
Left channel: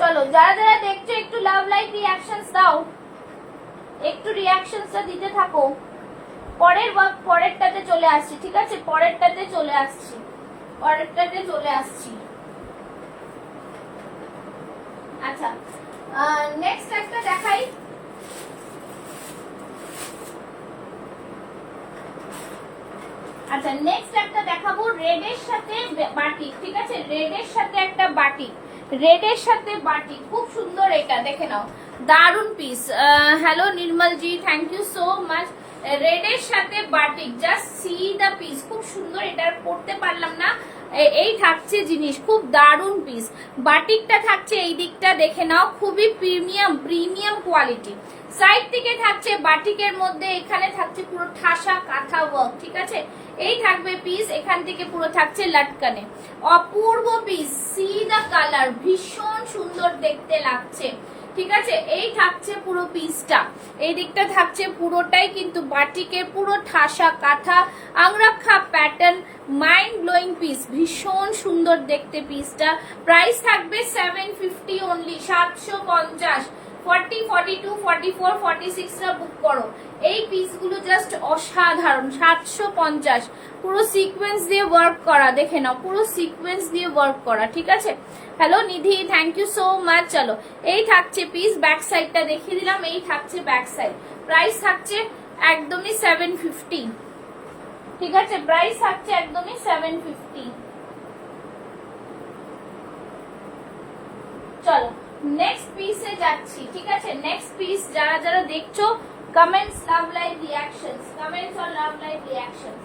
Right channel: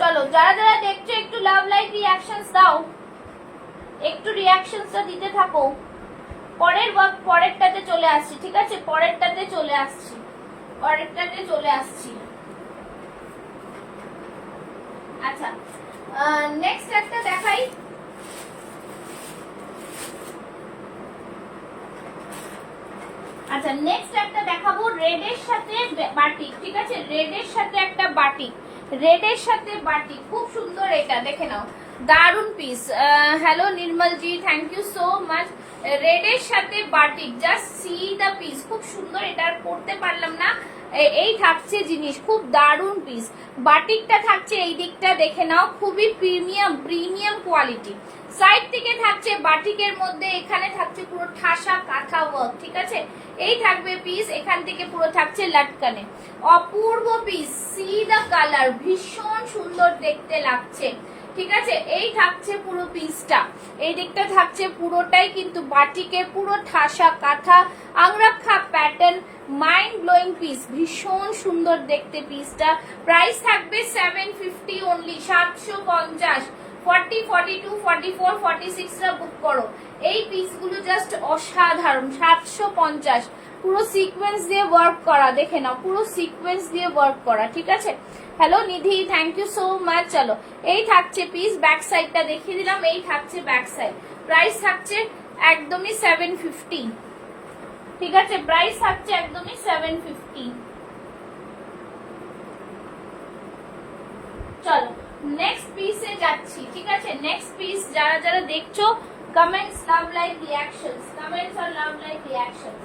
চলো, যারা যারা দেখছো একটু লাভ লাইক রিঅ্যাকশনস দাও, একটু রিঅ্যাকশনসটা দিতে থাকো। পরেরটাতে চলে আসছি, ঠিক আছে, পরেরটাতে চলে আসছি, পরেরটাতে চলে আসছি। আচ্ছা, নেক্সট একটা দেখাই। আচ্ছা, নেক্সট একটা দেখাবো রেডের সাথে বাটিক, ঠিক আছে, রেডের সাথে একটা বাটিক, রেডের সাথে বাটিক, খুব সুন্দর, এটা দেখে নাও, দারুন পিস। Hello Nirmal ji, thank you so much. রেডের সাথে batik, just see the piece, খুব সুন্দর, এটা আর পড়তে পারলাম না। এই থাকছে জিনিস, খুব দারুন পিস। বাটিকটা থাকছে এই দিকটা, দেখে নাও, খুবই প্রিমিয়াম প্রিমিয়াম কোয়ালিটি। সাইড থেকে থাকছে বাটিকের মধ্যে, এখানে থাকছে পুরো ঠাসা কাঁথা ওয়ার্ক, ঠিক আছে। এই থাকবে পিস, এখান থেকে পুরো থাকছে লাটকানে, অপূর্ব পিস। সি দা কালার, ভীষণ সুন্দর দেখতে লাগছে, ঠিক আছে। এই থাকছে পুরো পিসটা, এই দিকটা থাকছে পুরোটাই কিন্তু বাটিকের পুরো ঠাসা কাঁথা angrakha pattern, mind blowing piece, ভীষণ সুন্দর দেখতে পিসটা। প্রাইস থাকবে 750 অনলি, 750, 40, 42, 44, 46 রা বুক করো। এই পিসগুলো জাস্ট অসাধারণ। 750, পুরো সিকোয়েন্স দিয়ে ওয়ার্ক করা, দেখে নাও পুরো সিকোয়েন্স দিয়ে ওয়ার্ক করা, ঠিক আছে। Hello Nidhi, thank you so much. চলো এই থাকছে পিস, ব্যাক সাইডটা দেখিয়ে দিলাম, এই থাকছে ব্যাক সাইড। প্রাইস থাকছে একদমই 750, ঠিক আছে, প্রাইস থাকছে একদমই 750। চলো নেক্সট পিসে যাচ্ছি, ঠিক আছে। নেক্সট পিস যারা যারা দেখছো, comments, love like reactions, comments আর লাভ লাইক রিঅ্যাকশনস।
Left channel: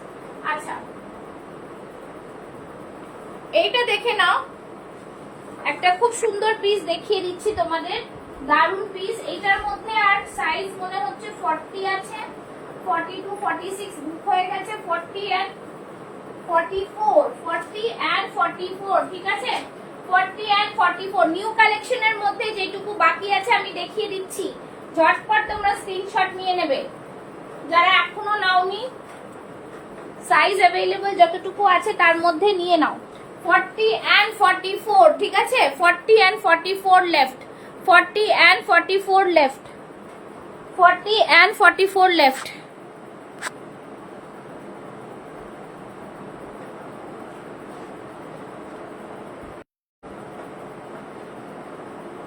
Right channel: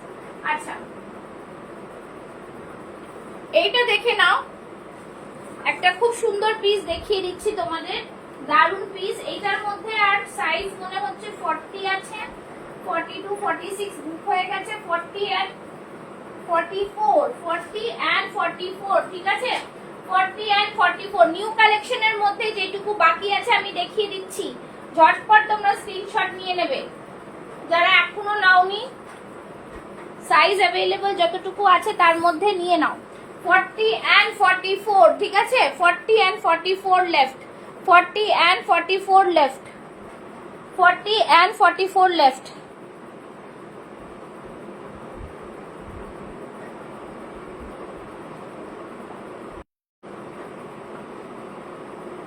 আচ্ছা এইটা দেখে নাও, একটা খুব সুন্দর পিস দেখিয়ে দিচ্ছি তোমাদের, দারুন পিস। এইটার মধ্যে আর সাইজ মনে হচ্ছে 40 আছে, 42, 46 বুক হয়ে গেছে, 40 and 44, 40 and 44, ঠিক আছে, 40 and 44 নিউ কালেকশনের মধ্যে যেটুকু বাকি আছে আমি দেখিয়ে দিচ্ছি, ঝটপট তোমরা স্ক্রিনশট নিয়ে নেবে। যারা এখনো নাওনি, সাইজ অ্যাভেলেবল যতটুকু আছে তার মধ্যে নিয়ে নাও। 40 and 44, ঠিক আছে, 40 and 44 left, 40 and 44 left, 40 and 44 left.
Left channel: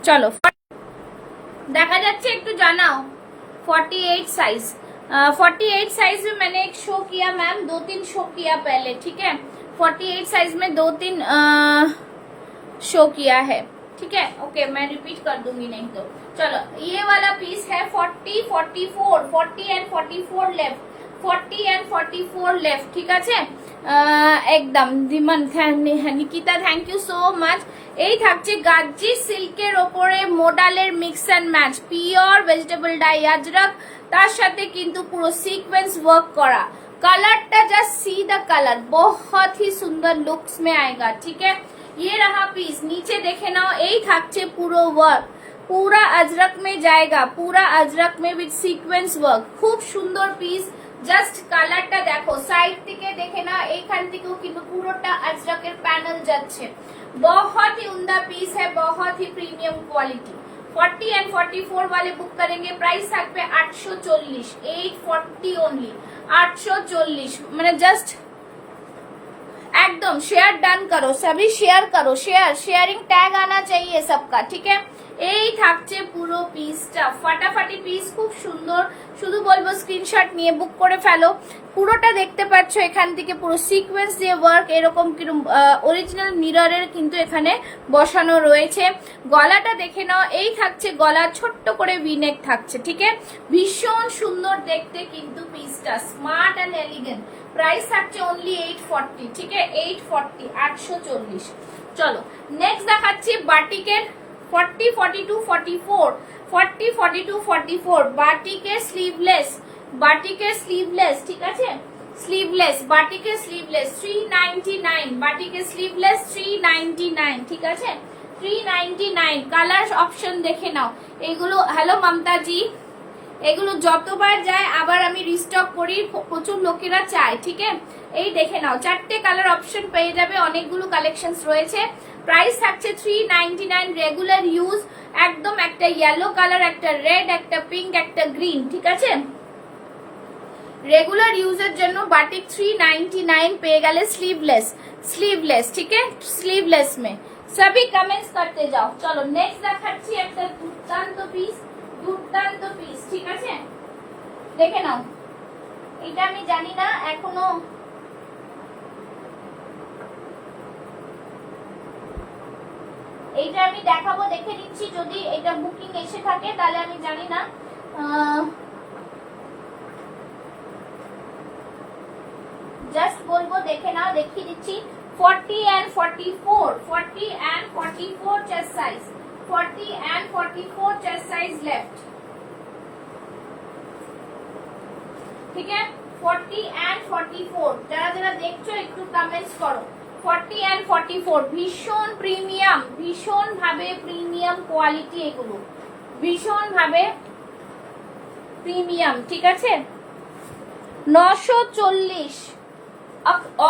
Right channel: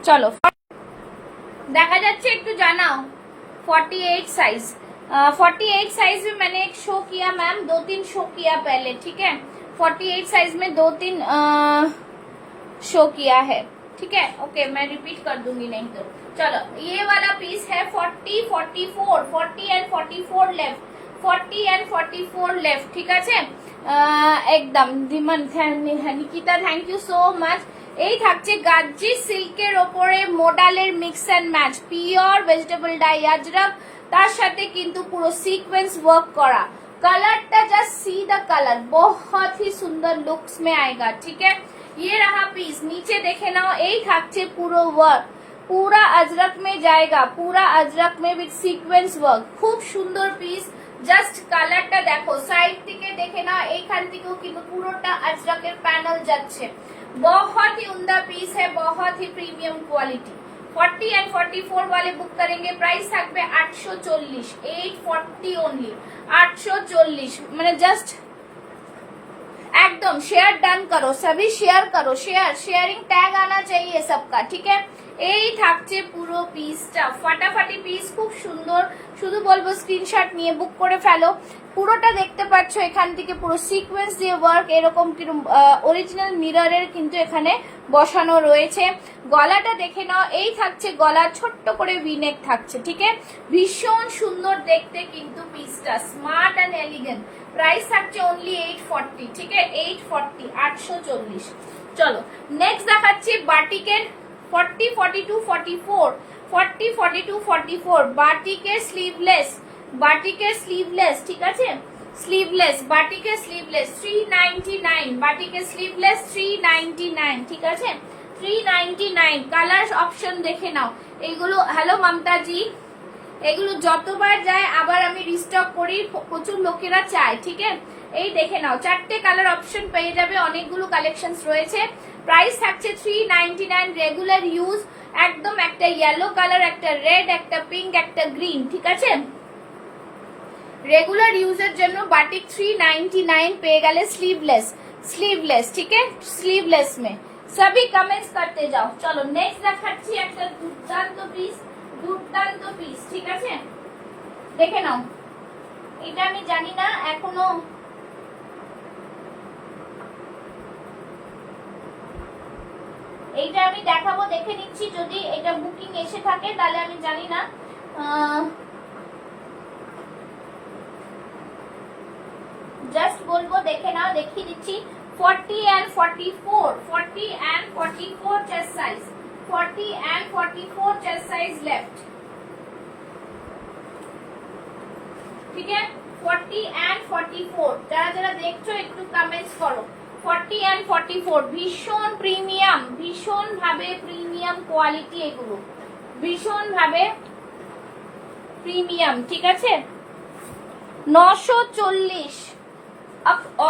चलो देखा जाच्छे, एकटू जानाओ 48 साइज, 48 साइज में मैंने एक शो किया मैम, 2-3 शो किया पहले, ठीक है। 48 साइज में 2-3 शो किया है, ठीक है। ओके मैं रिपीट कर दूंगी नहीं तो। चलो ये वाला पीस है 40, 44, 40 एंड 44 लेफ्ट, 40 एंड 44 लेफ्ट, ठीक है। एकदम दिमन, Nikita thank you so much. এই থাকছে গাজ্জি সিল্কের ওপরে মোডালের mix and match, pure vegetable dye Ajrakh, তার সাথে কিন্তু পুরো সিকোয়েন্স ওয়ার্ক করা। कलरটা जस्ट सी द कलर, बहुत ही सुंदर लुक्स में आएगा, ठीक है। ये रहा पीस, नीचे देखे ना, এই থাকছে পুরো ওয়ার্ক, पूरा अजरक में जाएगा, पूरा अजरक में विद सीक्वेंस वर्क, खूब सुंदर पीस। জাস্ট কালারটা দেখো, সাইড থেকে দেখে না, এইখান থেকেও কিন্তু পুরোটা আজরকের প্যানেল যাচ্ছে। बहुत ही उम्दा पीस है, बहुत ही प्रीमियम क्वालिटी। 40 एंड 44 वाले बुक करेंगे, प्राइस থাকবে 840, 840 ओनली, 840। মানে জাস্ট एकदम शेयर डन करो, सभी शेयर करो, शेयरिंग टैग आना चाहिए सबका, ठीक है। এই থাকছে পুরো পিসটা, ফাটাফাটি পিস, খুব সুন্দর। শুধু বলবো স্ক্রিনশট নিয়ে বুক করে ফেলো। পুরোটা দেখতে পাচ্ছ, এখান থেকে পুরো সিকোয়েন্স দিয়ে ওয়ার্ক, এরকম কিরকম অরিজিনাল মিররের কিন্তু এখানে বসানো রয়েছে। গলাটা দেখে নাও, এই থাকছে গলা, ছোট্ট করে ভিনেক থাকছে, ঠিক আছে। ভীষণ সুন্দর দেখতে কিন্তু পিসটা, স্মার্ট এন্ড এলিগেন্ট। প্রাইস থাকছে অনলি 840, ঠিক আছে, 840, 840। চলো নেক্সট দেখাচ্ছি বাটিকের 40, 42, 44, 40, 42, 44 বাটিকের স্লিভলেস, বাটিকের স্লিভলেস, ঠিক আছে, স্লিভলেস, বাটিকের স্লিভলেস 399, বাটিকের স্লিভলেস 399, ঠিক আছে, 399। কালার অপশন দেখে নাও এগুলো। হ্যালো মমতা জি, এগুলো যতবার যায় আবার আমি রিস্টক করি, প্রচুর লোকেরা চায়, ঠিক আছে। এই দেখে নাও, 4টে কালার অপশন পেয়ে যাবে, অনেকগুলো কালেকশনস রয়েছে। প্রাইস থাকছে 399, রেগুলার ইউজ, একদম একটা ইয়েলো কালার, একটা রেড, একটা পিঙ্ক, একটা গ্রিন, ঠিক আছে। রেগুলার ইউজের জন্য বাটিক 399 পেয়ে গেলে স্লিভলেস, স্লিভলেস, ঠিক আছে, স্লিভলেস মে সবই কমেন্টস করতে যাও। চলো নেক্সট দেখাচ্ছি একটা দুর্দান্ত পিস, দুর্দান্ত পিস, ঠিক আছে, দেখে নাও। এটা আমি জানি না এখনো, এইটা আমি দেখাবো, দেখে নিচ্ছি, যদি এটা বুকিং এসে থাকে তাহলে আমি জানি না। জাস্ট বলবো দেখে নাও, দেখিয়ে দিচ্ছি। 40 and 44, 40 and 44 chest size, 40 and 44 chest size left, ঠিক আছে। 40 and 44 যারা যারা দেখছো একটু কমেন্টস করো। 40 and 44 ভীষণ প্রিমিয়াম, ভীষণ ভাবে প্রিমিয়াম কোয়ালিটি, এগুলো ভীষণ ভাবে প্রিমিয়াম, ঠিক আছে। 940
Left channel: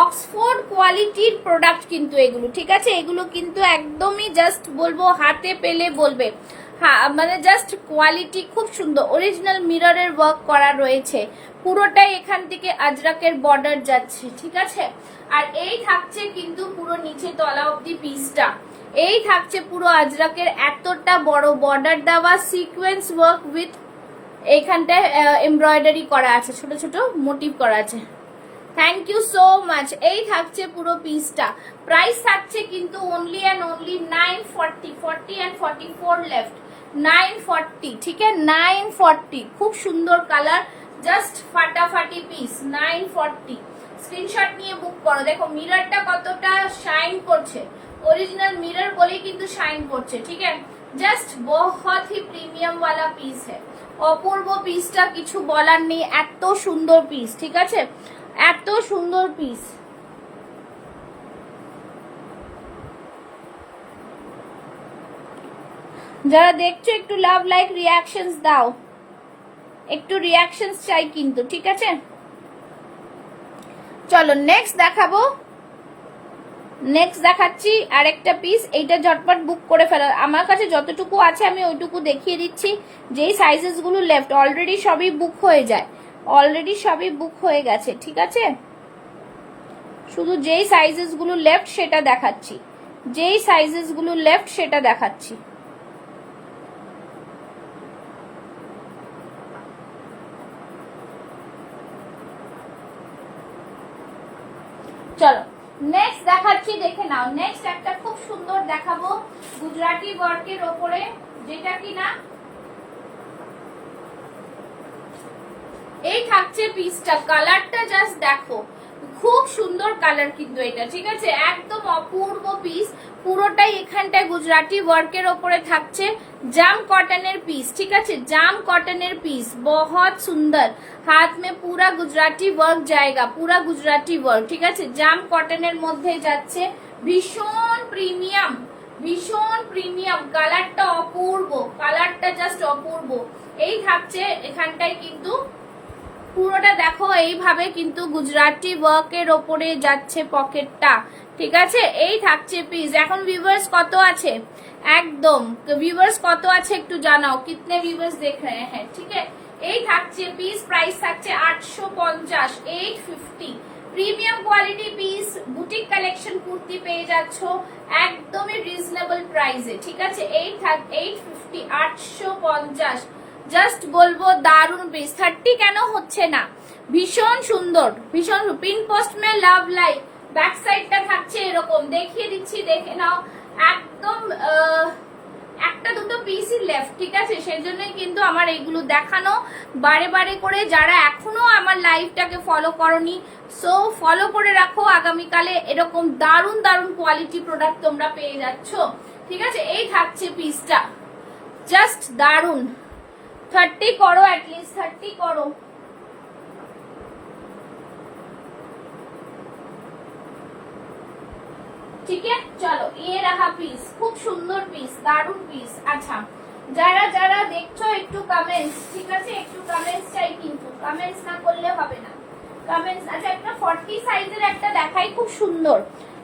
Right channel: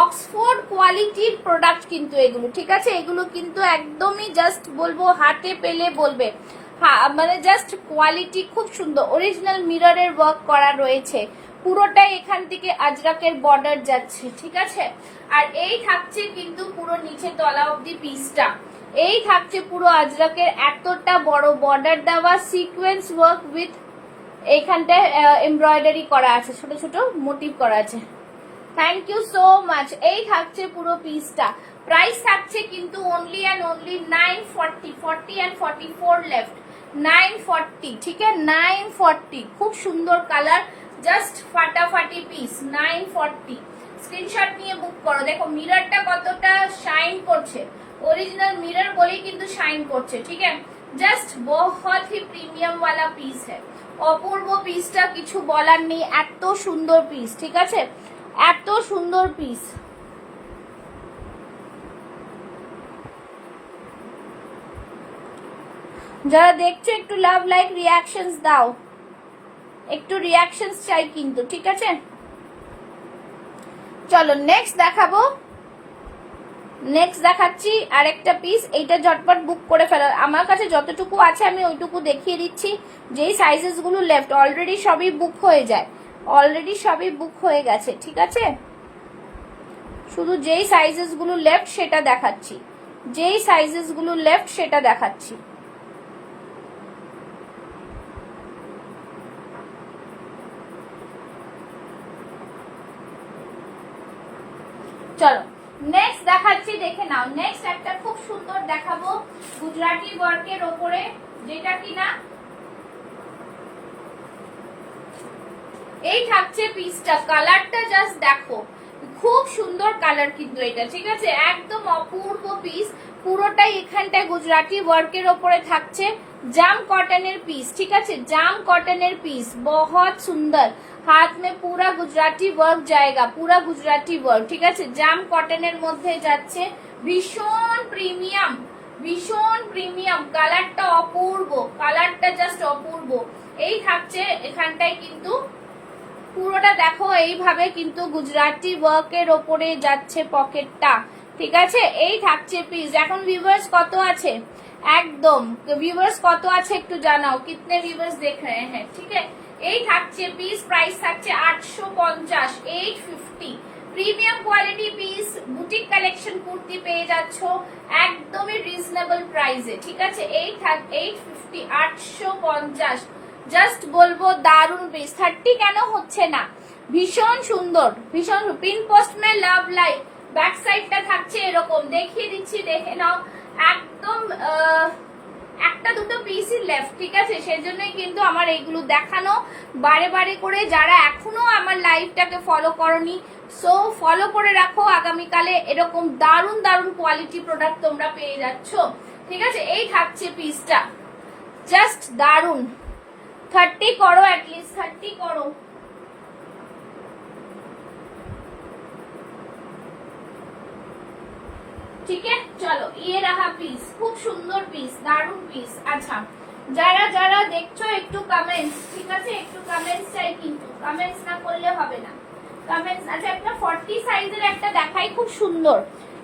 অক্সফোর্ড কোয়ালিটির প্রোডাক্ট কিন্তু এগুলো, ঠিক আছে। এগুলো কিন্তু একদমই জাস্ট বলবো হাতে পেলে বলবে হ্যাঁ মানে জাস্ট কোয়ালিটি খুব সুন্দর, অরিজিনাল মিররের ওয়ার্ক করা রয়েছে, পুরোটাই এখান থেকে আজরাকের বর্ডার যাচ্ছে, ঠিক আছে। আর এই থাকছে কিন্তু পুরো নিচে তলা অবধি পিসটা, এই থাকছে পুরো আজরাকের এতটা বড় বর্ডার দেওয়া সিকোয়েন্স ওয়ার্ক উইথ এইখানটায় এমব্রয়ডারি করা আছে, ছোট ছোট মোটিভ করা আছে। Thank you so much. এই থাকছে পুরো পিসটা, প্রাইস থাকছে কিন্তু only and only 940, 40 and 44 left, 940, ঠিক আছে 940। খুব সুন্দর কালার, জাস্ট ফাটাফাটি পিস, 940। স্ক্রিনশট নিয়ে বুক করো। দেখো মিররটা কতটা শাইন করছে, ओरिजिनल मिरर बोले কিন্তু শাইন করছে, ঠিক আছে। জাস্ট बहुत ही প্রিমিয়াম वाला পিস है, অপূর্ব পিসটা কিছু বলার নেই, এত সুন্দর পিস, ঠিক আছে, এত সুন্দর পিস। যারা দেখছো একটু লাভ লাইক রিয়াকশনস দাও, একটু রিয়াকশনস চাই কিন্তু, ঠিক আছে। চলো নেক্সট দেখাবো, নেক্সট দেখাচ্ছি আরেকটা পিস, এইটা ঝটপট বুক করে ফেলো। আমার কাছে যতটুকু আছে আমি ওইটুকু দেখিয়ে দিচ্ছি, যেই সাইজেস গুলো লেফট অলরেডি সবই বুক হয়ে যায়, অলরেডি সবই বুক হয়ে গেছে, ঠিক আছে। শুধু যেই সাইজেস গুলো লেফট সেটা দেখাচ্ছি, যেই সাইজেস গুলো লেফট সেটা দেখাচ্ছি। চলো নেক্সট দেখাচ্ছি, দেখে নাও। নেক্সট একটা খুব সুন্দর দেখাবো গুজরাটি ওয়ার্কের ওপরে, যেটা কিনা এই থাকছে পিসটা, কালারটা জাস্ট দেখো, খুব সুন্দর কালার কিন্তু এটা, ঠিক আছে, একদম অপূর্ব পিস। পুরোটাই এখানটায় গুজরাটি ওয়ার্কের ওপরে থাকছে, জাম কটনের পিস, ঠিক আছে, জাম কটনের পিস, बहुत সুন্দর। হাত মে পুরা গুজরাটি ওয়ার্ক জায়গা, পুরা গুজরাটি ওয়ার্ক, ঠিক আছে, জাম কটনের মধ্যে যাচ্ছে, ভীষণ প্রিমিয়াম, ভীষণ প্রিমিয়াম, কালারটা অপূর্ব, কালারটা জাস্ট অপূর্ব। এই থাকছে এখানটায় কিন্তু পুরোটা দেখো এইভাবে কিন্তু গুজরাটি ওয়ার্কের ওপরে যাচ্ছে পকেটটা, ঠিক আছে। এই থাকছে পিস। এখন ভিউয়ার্স কত আছে, একদম ভিউয়ার্স কত আছে একটু জানাও, কিতনে ভিউয়ার্স দেখ रहे हैं, ঠিক আছে। এই থাকছে পিস, প্রাইস থাকছে 850, 850। Premium quality piece, boutique collection kurti পেয়ে যাচ্ছ একদমই রিজনেবল প্রাইসে, ঠিক আছে। 850, 850। জাস্ট বলবো দারুন পিস। 30 কেন হচ্ছে না, ভীষণ সুন্দর, ভীষণ। পিন পোস্ট মে লাভ লাইক, ব্যাক সাইডটা থাকছে এরকম, দেখিয়ে দিচ্ছি, দেখে নাও, একদম একটা দুটো পিসই লেফট, ঠিক আছে, সেজন্যই কিন্তু আমার এইগুলো দেখানো বারে বারে করে। যারা এখনো আমার লাইভটাকে ফলো করনি, সো ফলো করে রাখো, আগামীকালে এরকম দারুন দারুন কোয়ালিটি প্রোডাক্ট তোমরা পেয়ে যাচ্ছ, ঠিক আছে। এই থাকছে পিসটা, জাস্ট দারুন। 30 करो, एटलीस्ट 30 करो। ठीक है, चलो ये रहा पीस, खूब सुंदर पीस, दारुण पीस। अच्छा যারা যারা দেখছো একটু কমেন্টস, ঠিক আছে, একটু কমেন্টস চাই কিন্তু, কমেন্টস না করলে হবে না, কমেন্টস। আচ্ছা একটা 40 সাইজের একটা দেখাই, খুব সুন্দর,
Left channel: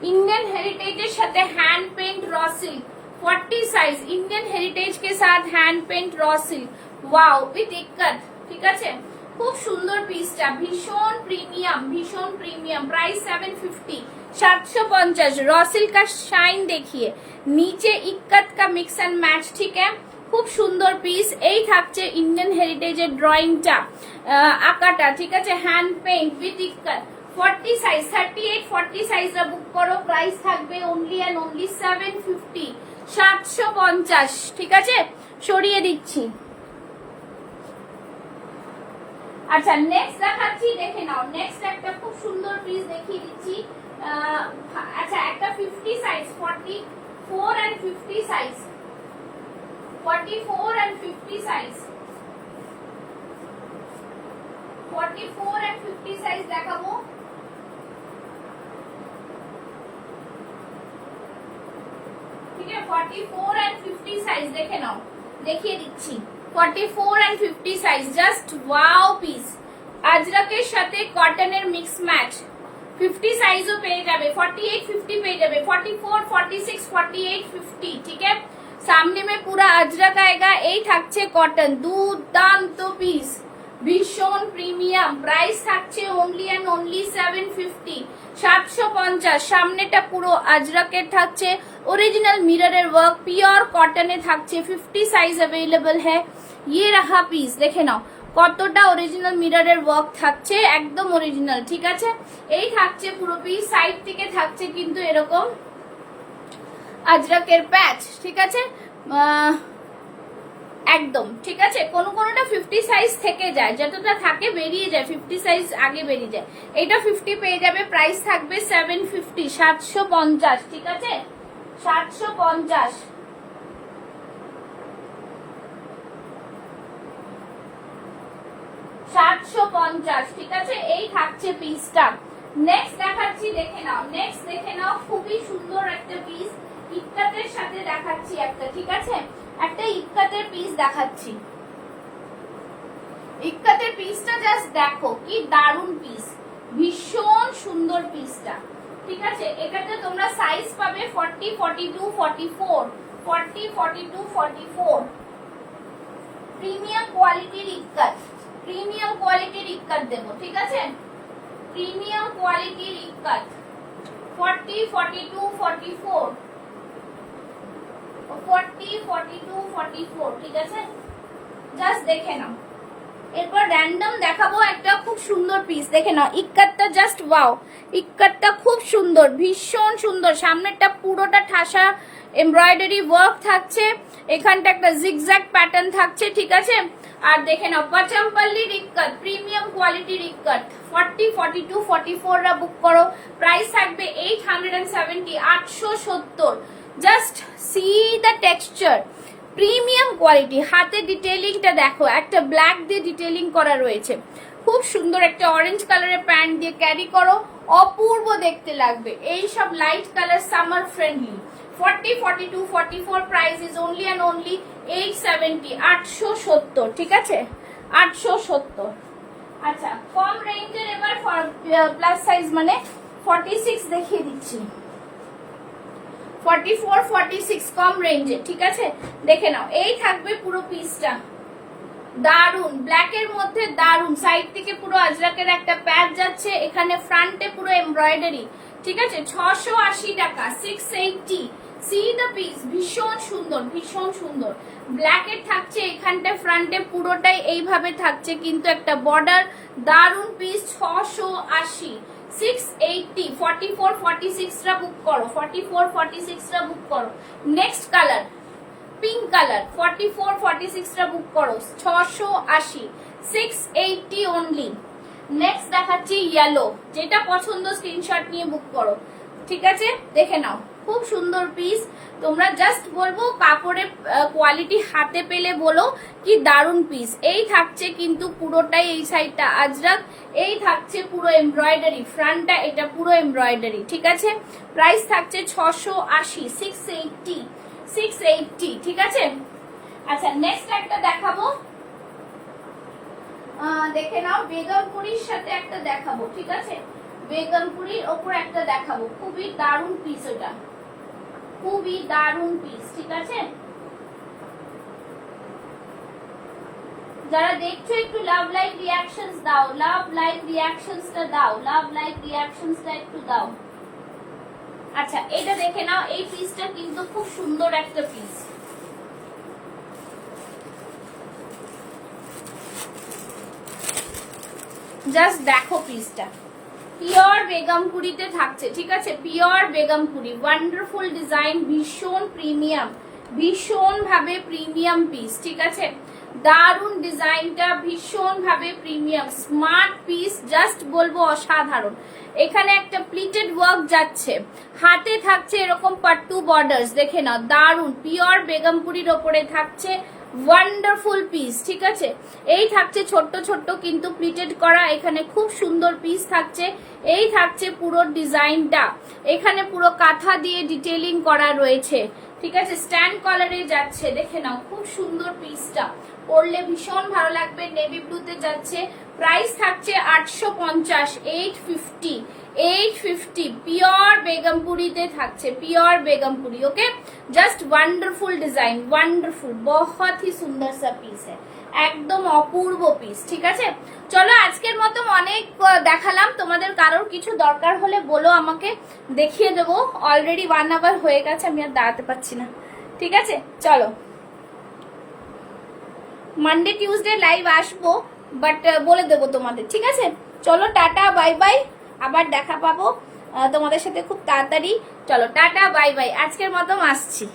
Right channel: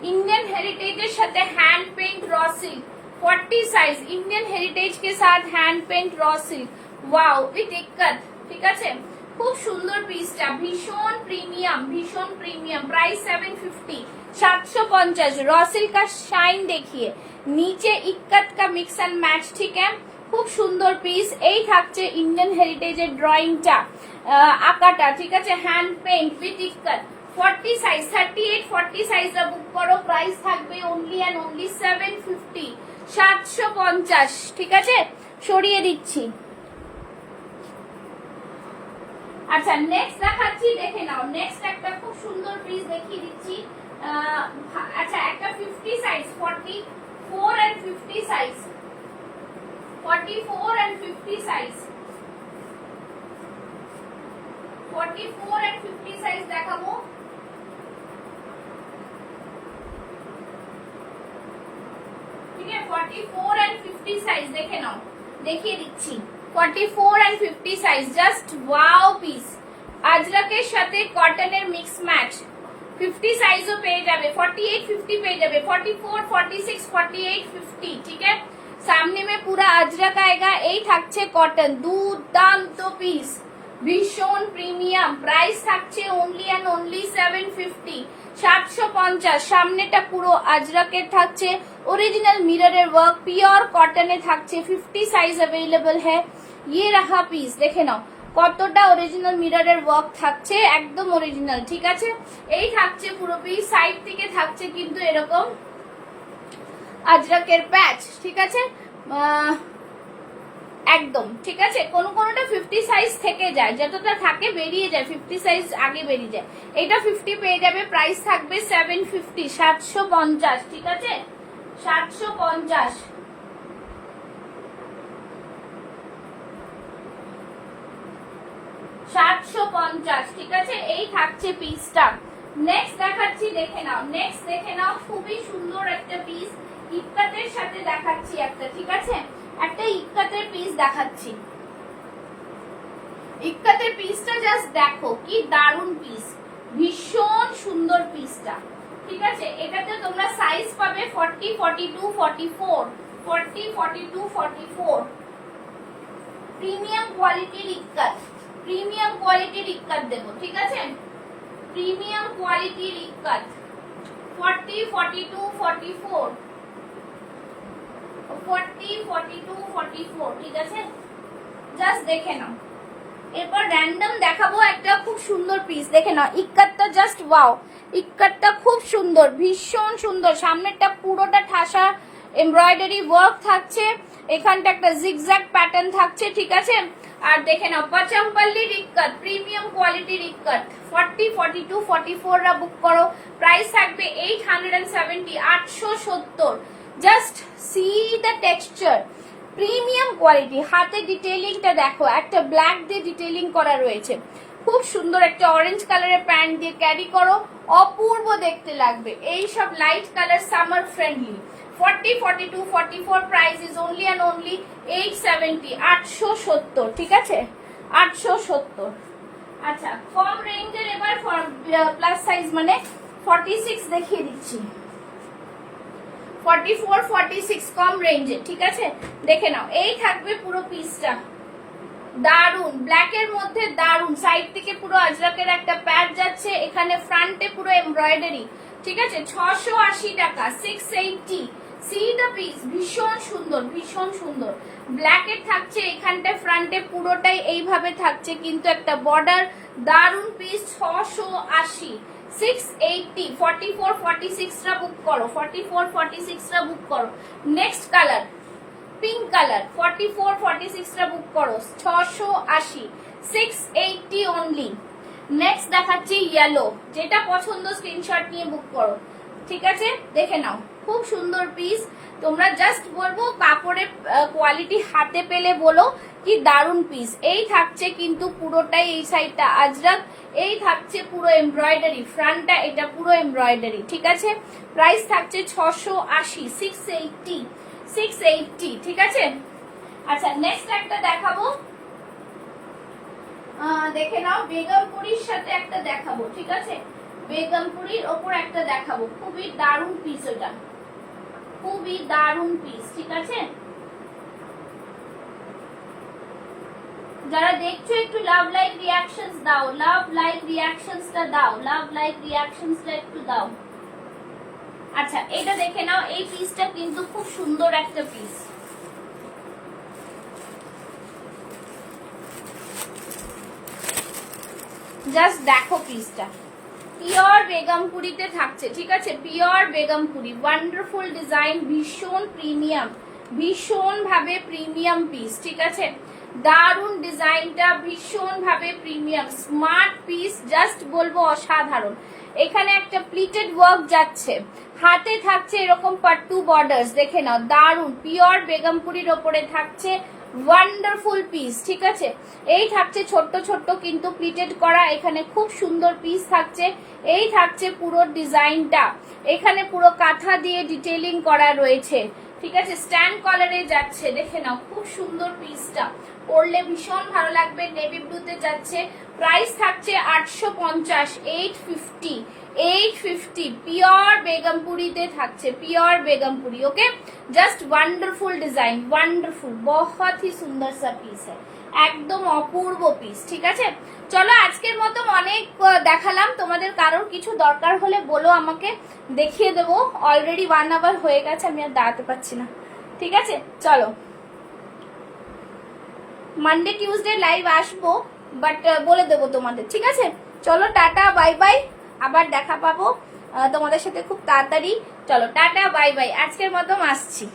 इंडियन हेरिटेजेर साथे hand paint raw silk, 40 size Indian heritage के साथ hand paint raw silk, wow with ikat, ঠিক আছে। খুব সুন্দর পিসটা, ভীষণ প্রিমিয়াম, ভীষণ প্রিমিয়াম। প্রাইস 750, 750। रॉ सिल्क का शाइन देखिए, नीचे इक्कत का मिक्स एंड मैच, ठीक है, খুব সুন্দর পিস। এই থাকছে ইন্ডিয়ান হেরিটেজের ড্রয়িংটা, আঁকাটা, ঠিক আছে, hand paint with ikat. 40 size, 38 40 সাইজটা বুক করো, প্রাইস থাকবে অনলি এন্ড অনলি 750, 750, ঠিক আছে, সরিয়ে দিচ্ছি। আচ্ছা নেক্সট দেখাচ্ছি, দেখে নাও। নেক্সট একটা খুব সুন্দর পিস দেখিয়ে দিচ্ছি। আচ্ছা একটা 50 size, 44 and 50 size, 44 and 50 size, 44 and 50 size দেখাবো। ঠিক আছে, 44 and 50 সাইজ দেখে নাও, দেখিয়ে দিচ্ছি। 44 and 50 size, just wow piece. আজরাকের সাথে কটনের মিক্স ম্যাচ। 50 সাইজও পেয়ে যাবে, 48 50 পেয়ে যাবে, 44 46 48 50, ঠিক আছে। सामने में पूरा अजरक आएगा। এই থাকছে কটন, দুর্দান্ত পিস, ভীষণ প্রিমিয়াম। প্রাইস থাকছে অনলি অ্যান্ড অনলি 750, 750। সামনেটা পুরো আজরাকের থাকছে, original mirror work, pure cotton থাকছে। 50 সাইজ अवेलेबल है। ये रहा পিস, দেখে নাও কতটা অরিজিনাল মিররের ওয়ার্ক থাকছে, একদম অরিজিনাল। ঠিক আছে, এই থাকছে পুরো পিস। সাইড থেকে থাকছে কিন্তু এরকম আজরাকের প্যাচ। ঠিক আছে, একদম ঠিক আছে। কোনোটা 50 সাইজ থেকে যায়, যতটা থাকে বেরিয়ে যায়, 50 সাইজ আগে বেরিয়ে যায়। এটা 50 পেয়ে যাবে। প্রাইস থাকবে 750, 750। ঠিক আছে, 750। ঠিক আছে, এই থাকছে পিসটা। নেক্সট দেখাচ্ছি, দেখে নাও। নেক্সট দেখে নাও, খুবই সুন্দর একটা পিস, ইক্কাতের সাথে দেখাচ্ছি একটা। ঠিক আছে, একটা ইক্কাতের পিস দেখাচ্ছি। ইক্কাতের পিসটা জাস্ট দেখো কি দারুন পিস, ভীষণ সুন্দর পিসটা। ঠিক আছে, এটাতে তোমরা সাইজ পাবে 40, 42, 44, 40, 42, 44। প্রিমিয়াম কোয়ালিটির ইক্কাত, প্রিমিয়াম কোয়ালিটির ইক্কাত দেবো। ঠিক আছে, প্রিমিয়াম কোয়ালিটির ইক্কাত 40, 42, 44, 40, 42, 44। ঠিক আছে, জাস্ট দেখে নাও। এরপর র্যান্ডম দেখাবো একটা খুব সুন্দর পিস, দেখে নাও। ইক্কাতটা জাস্ট ওয়াও, ইক্কাতটা খুব সুন্দর, ভীষণ সুন্দর। সামনেরটা পুরোটা ঠাসা এমব্রয়ডারি ওয়ার্ক থাকছে, এখানটা একটা জিগজ্যাগ প্যাটার্ন থাকছে। ঠিক আছে, আর দেখে নাও পাচামপাল্লির ইক্কাত, প্রিমিয়াম কোয়ালিটির ইক্কাত। 40, 42, 44 রা বুক করো। প্রাইস থাকবে 870, 870। Just see the texture, premium quality. হাতে ডিটেইলিংটা দেখো, একটা ব্ল্যাক দিয়ে ডিটেইলিং করা রয়েছে, খুব সুন্দর। একটা অরেঞ্জ কালারের প্যান্ট দিয়ে ক্যারি করো, অপূর্ব দেখতে লাগবে। এই সব light colour summer friendly. 40, 42, 44 price is only and only 870, 870। ঠিক আছে, 870। আচ্ছা, কম রেঞ্জের এবার প্লাস সাইজ মানে 46 দেখিয়ে দিচ্ছি। 44, 46 কম রেঞ্জে। ঠিক আছে, দেখে নাও। এই থাকবে পুরো পিসটা, দারুন ব্ল্যাক এর মধ্যে, দারুন। সাইড থেকে পুরো আজরাকের একটা প্যাড যাচ্ছে, এখানে ফ্রন্টে পুরো এমব্রয়ডারি। ঠিক আছে, 680 টাকা, 680। সি দ্য পিস, ভীষণ সুন্দর, ভীষণ সুন্দর। ব্ল্যাক এর থাকছে, এখানটা ফ্রন্টে পুরোটাই এইভাবে থাকছে কিন্তু একটা বর্ডার। দারুন পিস, 680, 680। 44, 46 রা বুক করো, 44, 46 রা বুক করো। নেক্সট কালার পিঙ্ক কালার, 44, 46 রা বুক করো, 680, 680 অনলি। নেক্সট দেখাচ্ছি ইয়েলো, যেটা পছন্দ স্ক্রিনশট নিয়ে বুক করো। ঠিক আছে, দেখে নাও, খুব সুন্দর পিস। তোমরা জাস্ট বলবো কাপড়ের কোয়ালিটি হাতে পেলে বলো কি দারুন পিস। এই থাকছে কিন্তু পুরোটাই, এই সাইডটা আজরাক, এই থাকছে পুরো এমব্রয়ডারি, ফ্রন্টটা এটা পুরো এমব্রয়ডারি। ঠিক আছে, প্রাইস থাকছে 680, 680, 680। ঠিক আছে, আচ্ছা নেক্সট একটা দেখাবো, দেখে নাও। বেগমপুরির সাথে একটা দেখাবো। ঠিক আছে, বেগমপুরির ওপর একটা দেখাবো, খুবই দারুন পিস, ওটা খুবই দারুন পিস। ঠিক আছে, যারা দেখছো একটু লাভ লাইক রিয়াকশনস দাও, লাভ লাইক রিয়াকশনসটা দাও, লাভ লাইক রিয়াকশনসটা একটু দাও। আচ্ছা, এটা দেখে নাও। এই পিসটা কিন্তু খুব সুন্দর একটা পিস, জাস্ট দেখো পিসটা। পিওর বেগমপুরিতে থাকছে। ঠিক আছে, পিওর বেগমপুরি, ওয়ান্ডারফুল ডিজাইন, ভীষণ প্রিমিয়াম, ভীষণ ভাবে প্রিমিয়াম পিস। ঠিক আছে, দারুন ডিজাইনটা, ভীষণ ভাবে প্রিমিয়াম, স্মার্ট পিস, জাস্ট বলবো অসাধারণ। এখানে একটা প্লিটেড ওয়ার্ক যাচ্ছে, হাতে থাকছে এরকম পাট্টু বর্ডার্স, দেখে নাও, দারুন পিওর বেগমপুরির ওপরে থাকছে, ওয়ান্ডারফুল পিস। ঠিক আছে, এই থাকছে ছোট্ট ছোট্ট কিন্তু প্লিটেড করা, এখানে খুব সুন্দর পিস থাকছে। এই থাকছে পুরো ডিজাইনটা, এখানে পুরো কাঁথা দিয়ে ডিটেইলিং করা রয়েছে, ঠিক আছে, স্ট্যান্ড কলারে যাচ্ছে, দেখে নাও খুব সুন্দর পিসটা, পরলে ভীষণ ভালো লাগবে। নেভি ব্লুতে যাচ্ছে, প্রাইস থাকছে 850, 850 পিওর বেগমপুরিতে থাকছে, পিওর বেগমপুরি। ওকে, জাস্ট ওয়ান্ডারফুল ডিजाइन, ওয়ান্ডারফুল, बहुत ही সুন্দর সা পিস है, একদম অপূর্ব পিস। ঠিক আছে, চলো আজকের মতো অনেক দেখালাম, তোমাদের কারোর কিছু দরকার হলে বলো আমাকে, দেখিয়ে দেবো। অলরেডি 1 আওয়ার হয়ে গেছে, আমি আর দাঁড়াতে পারছি না। ঠিক আছে, চলো মানডে টিউসডে লাইভ আসবো, বাট বলে দেবো তোমাদের। ঠিক আছে, চলো টাটা বাই বাই, আবার দেখা পাবো তোমাদের সাথে খুব তাড়াতাড়ি। চলো টাটা বাই বাই, আজকের মতো আসছি।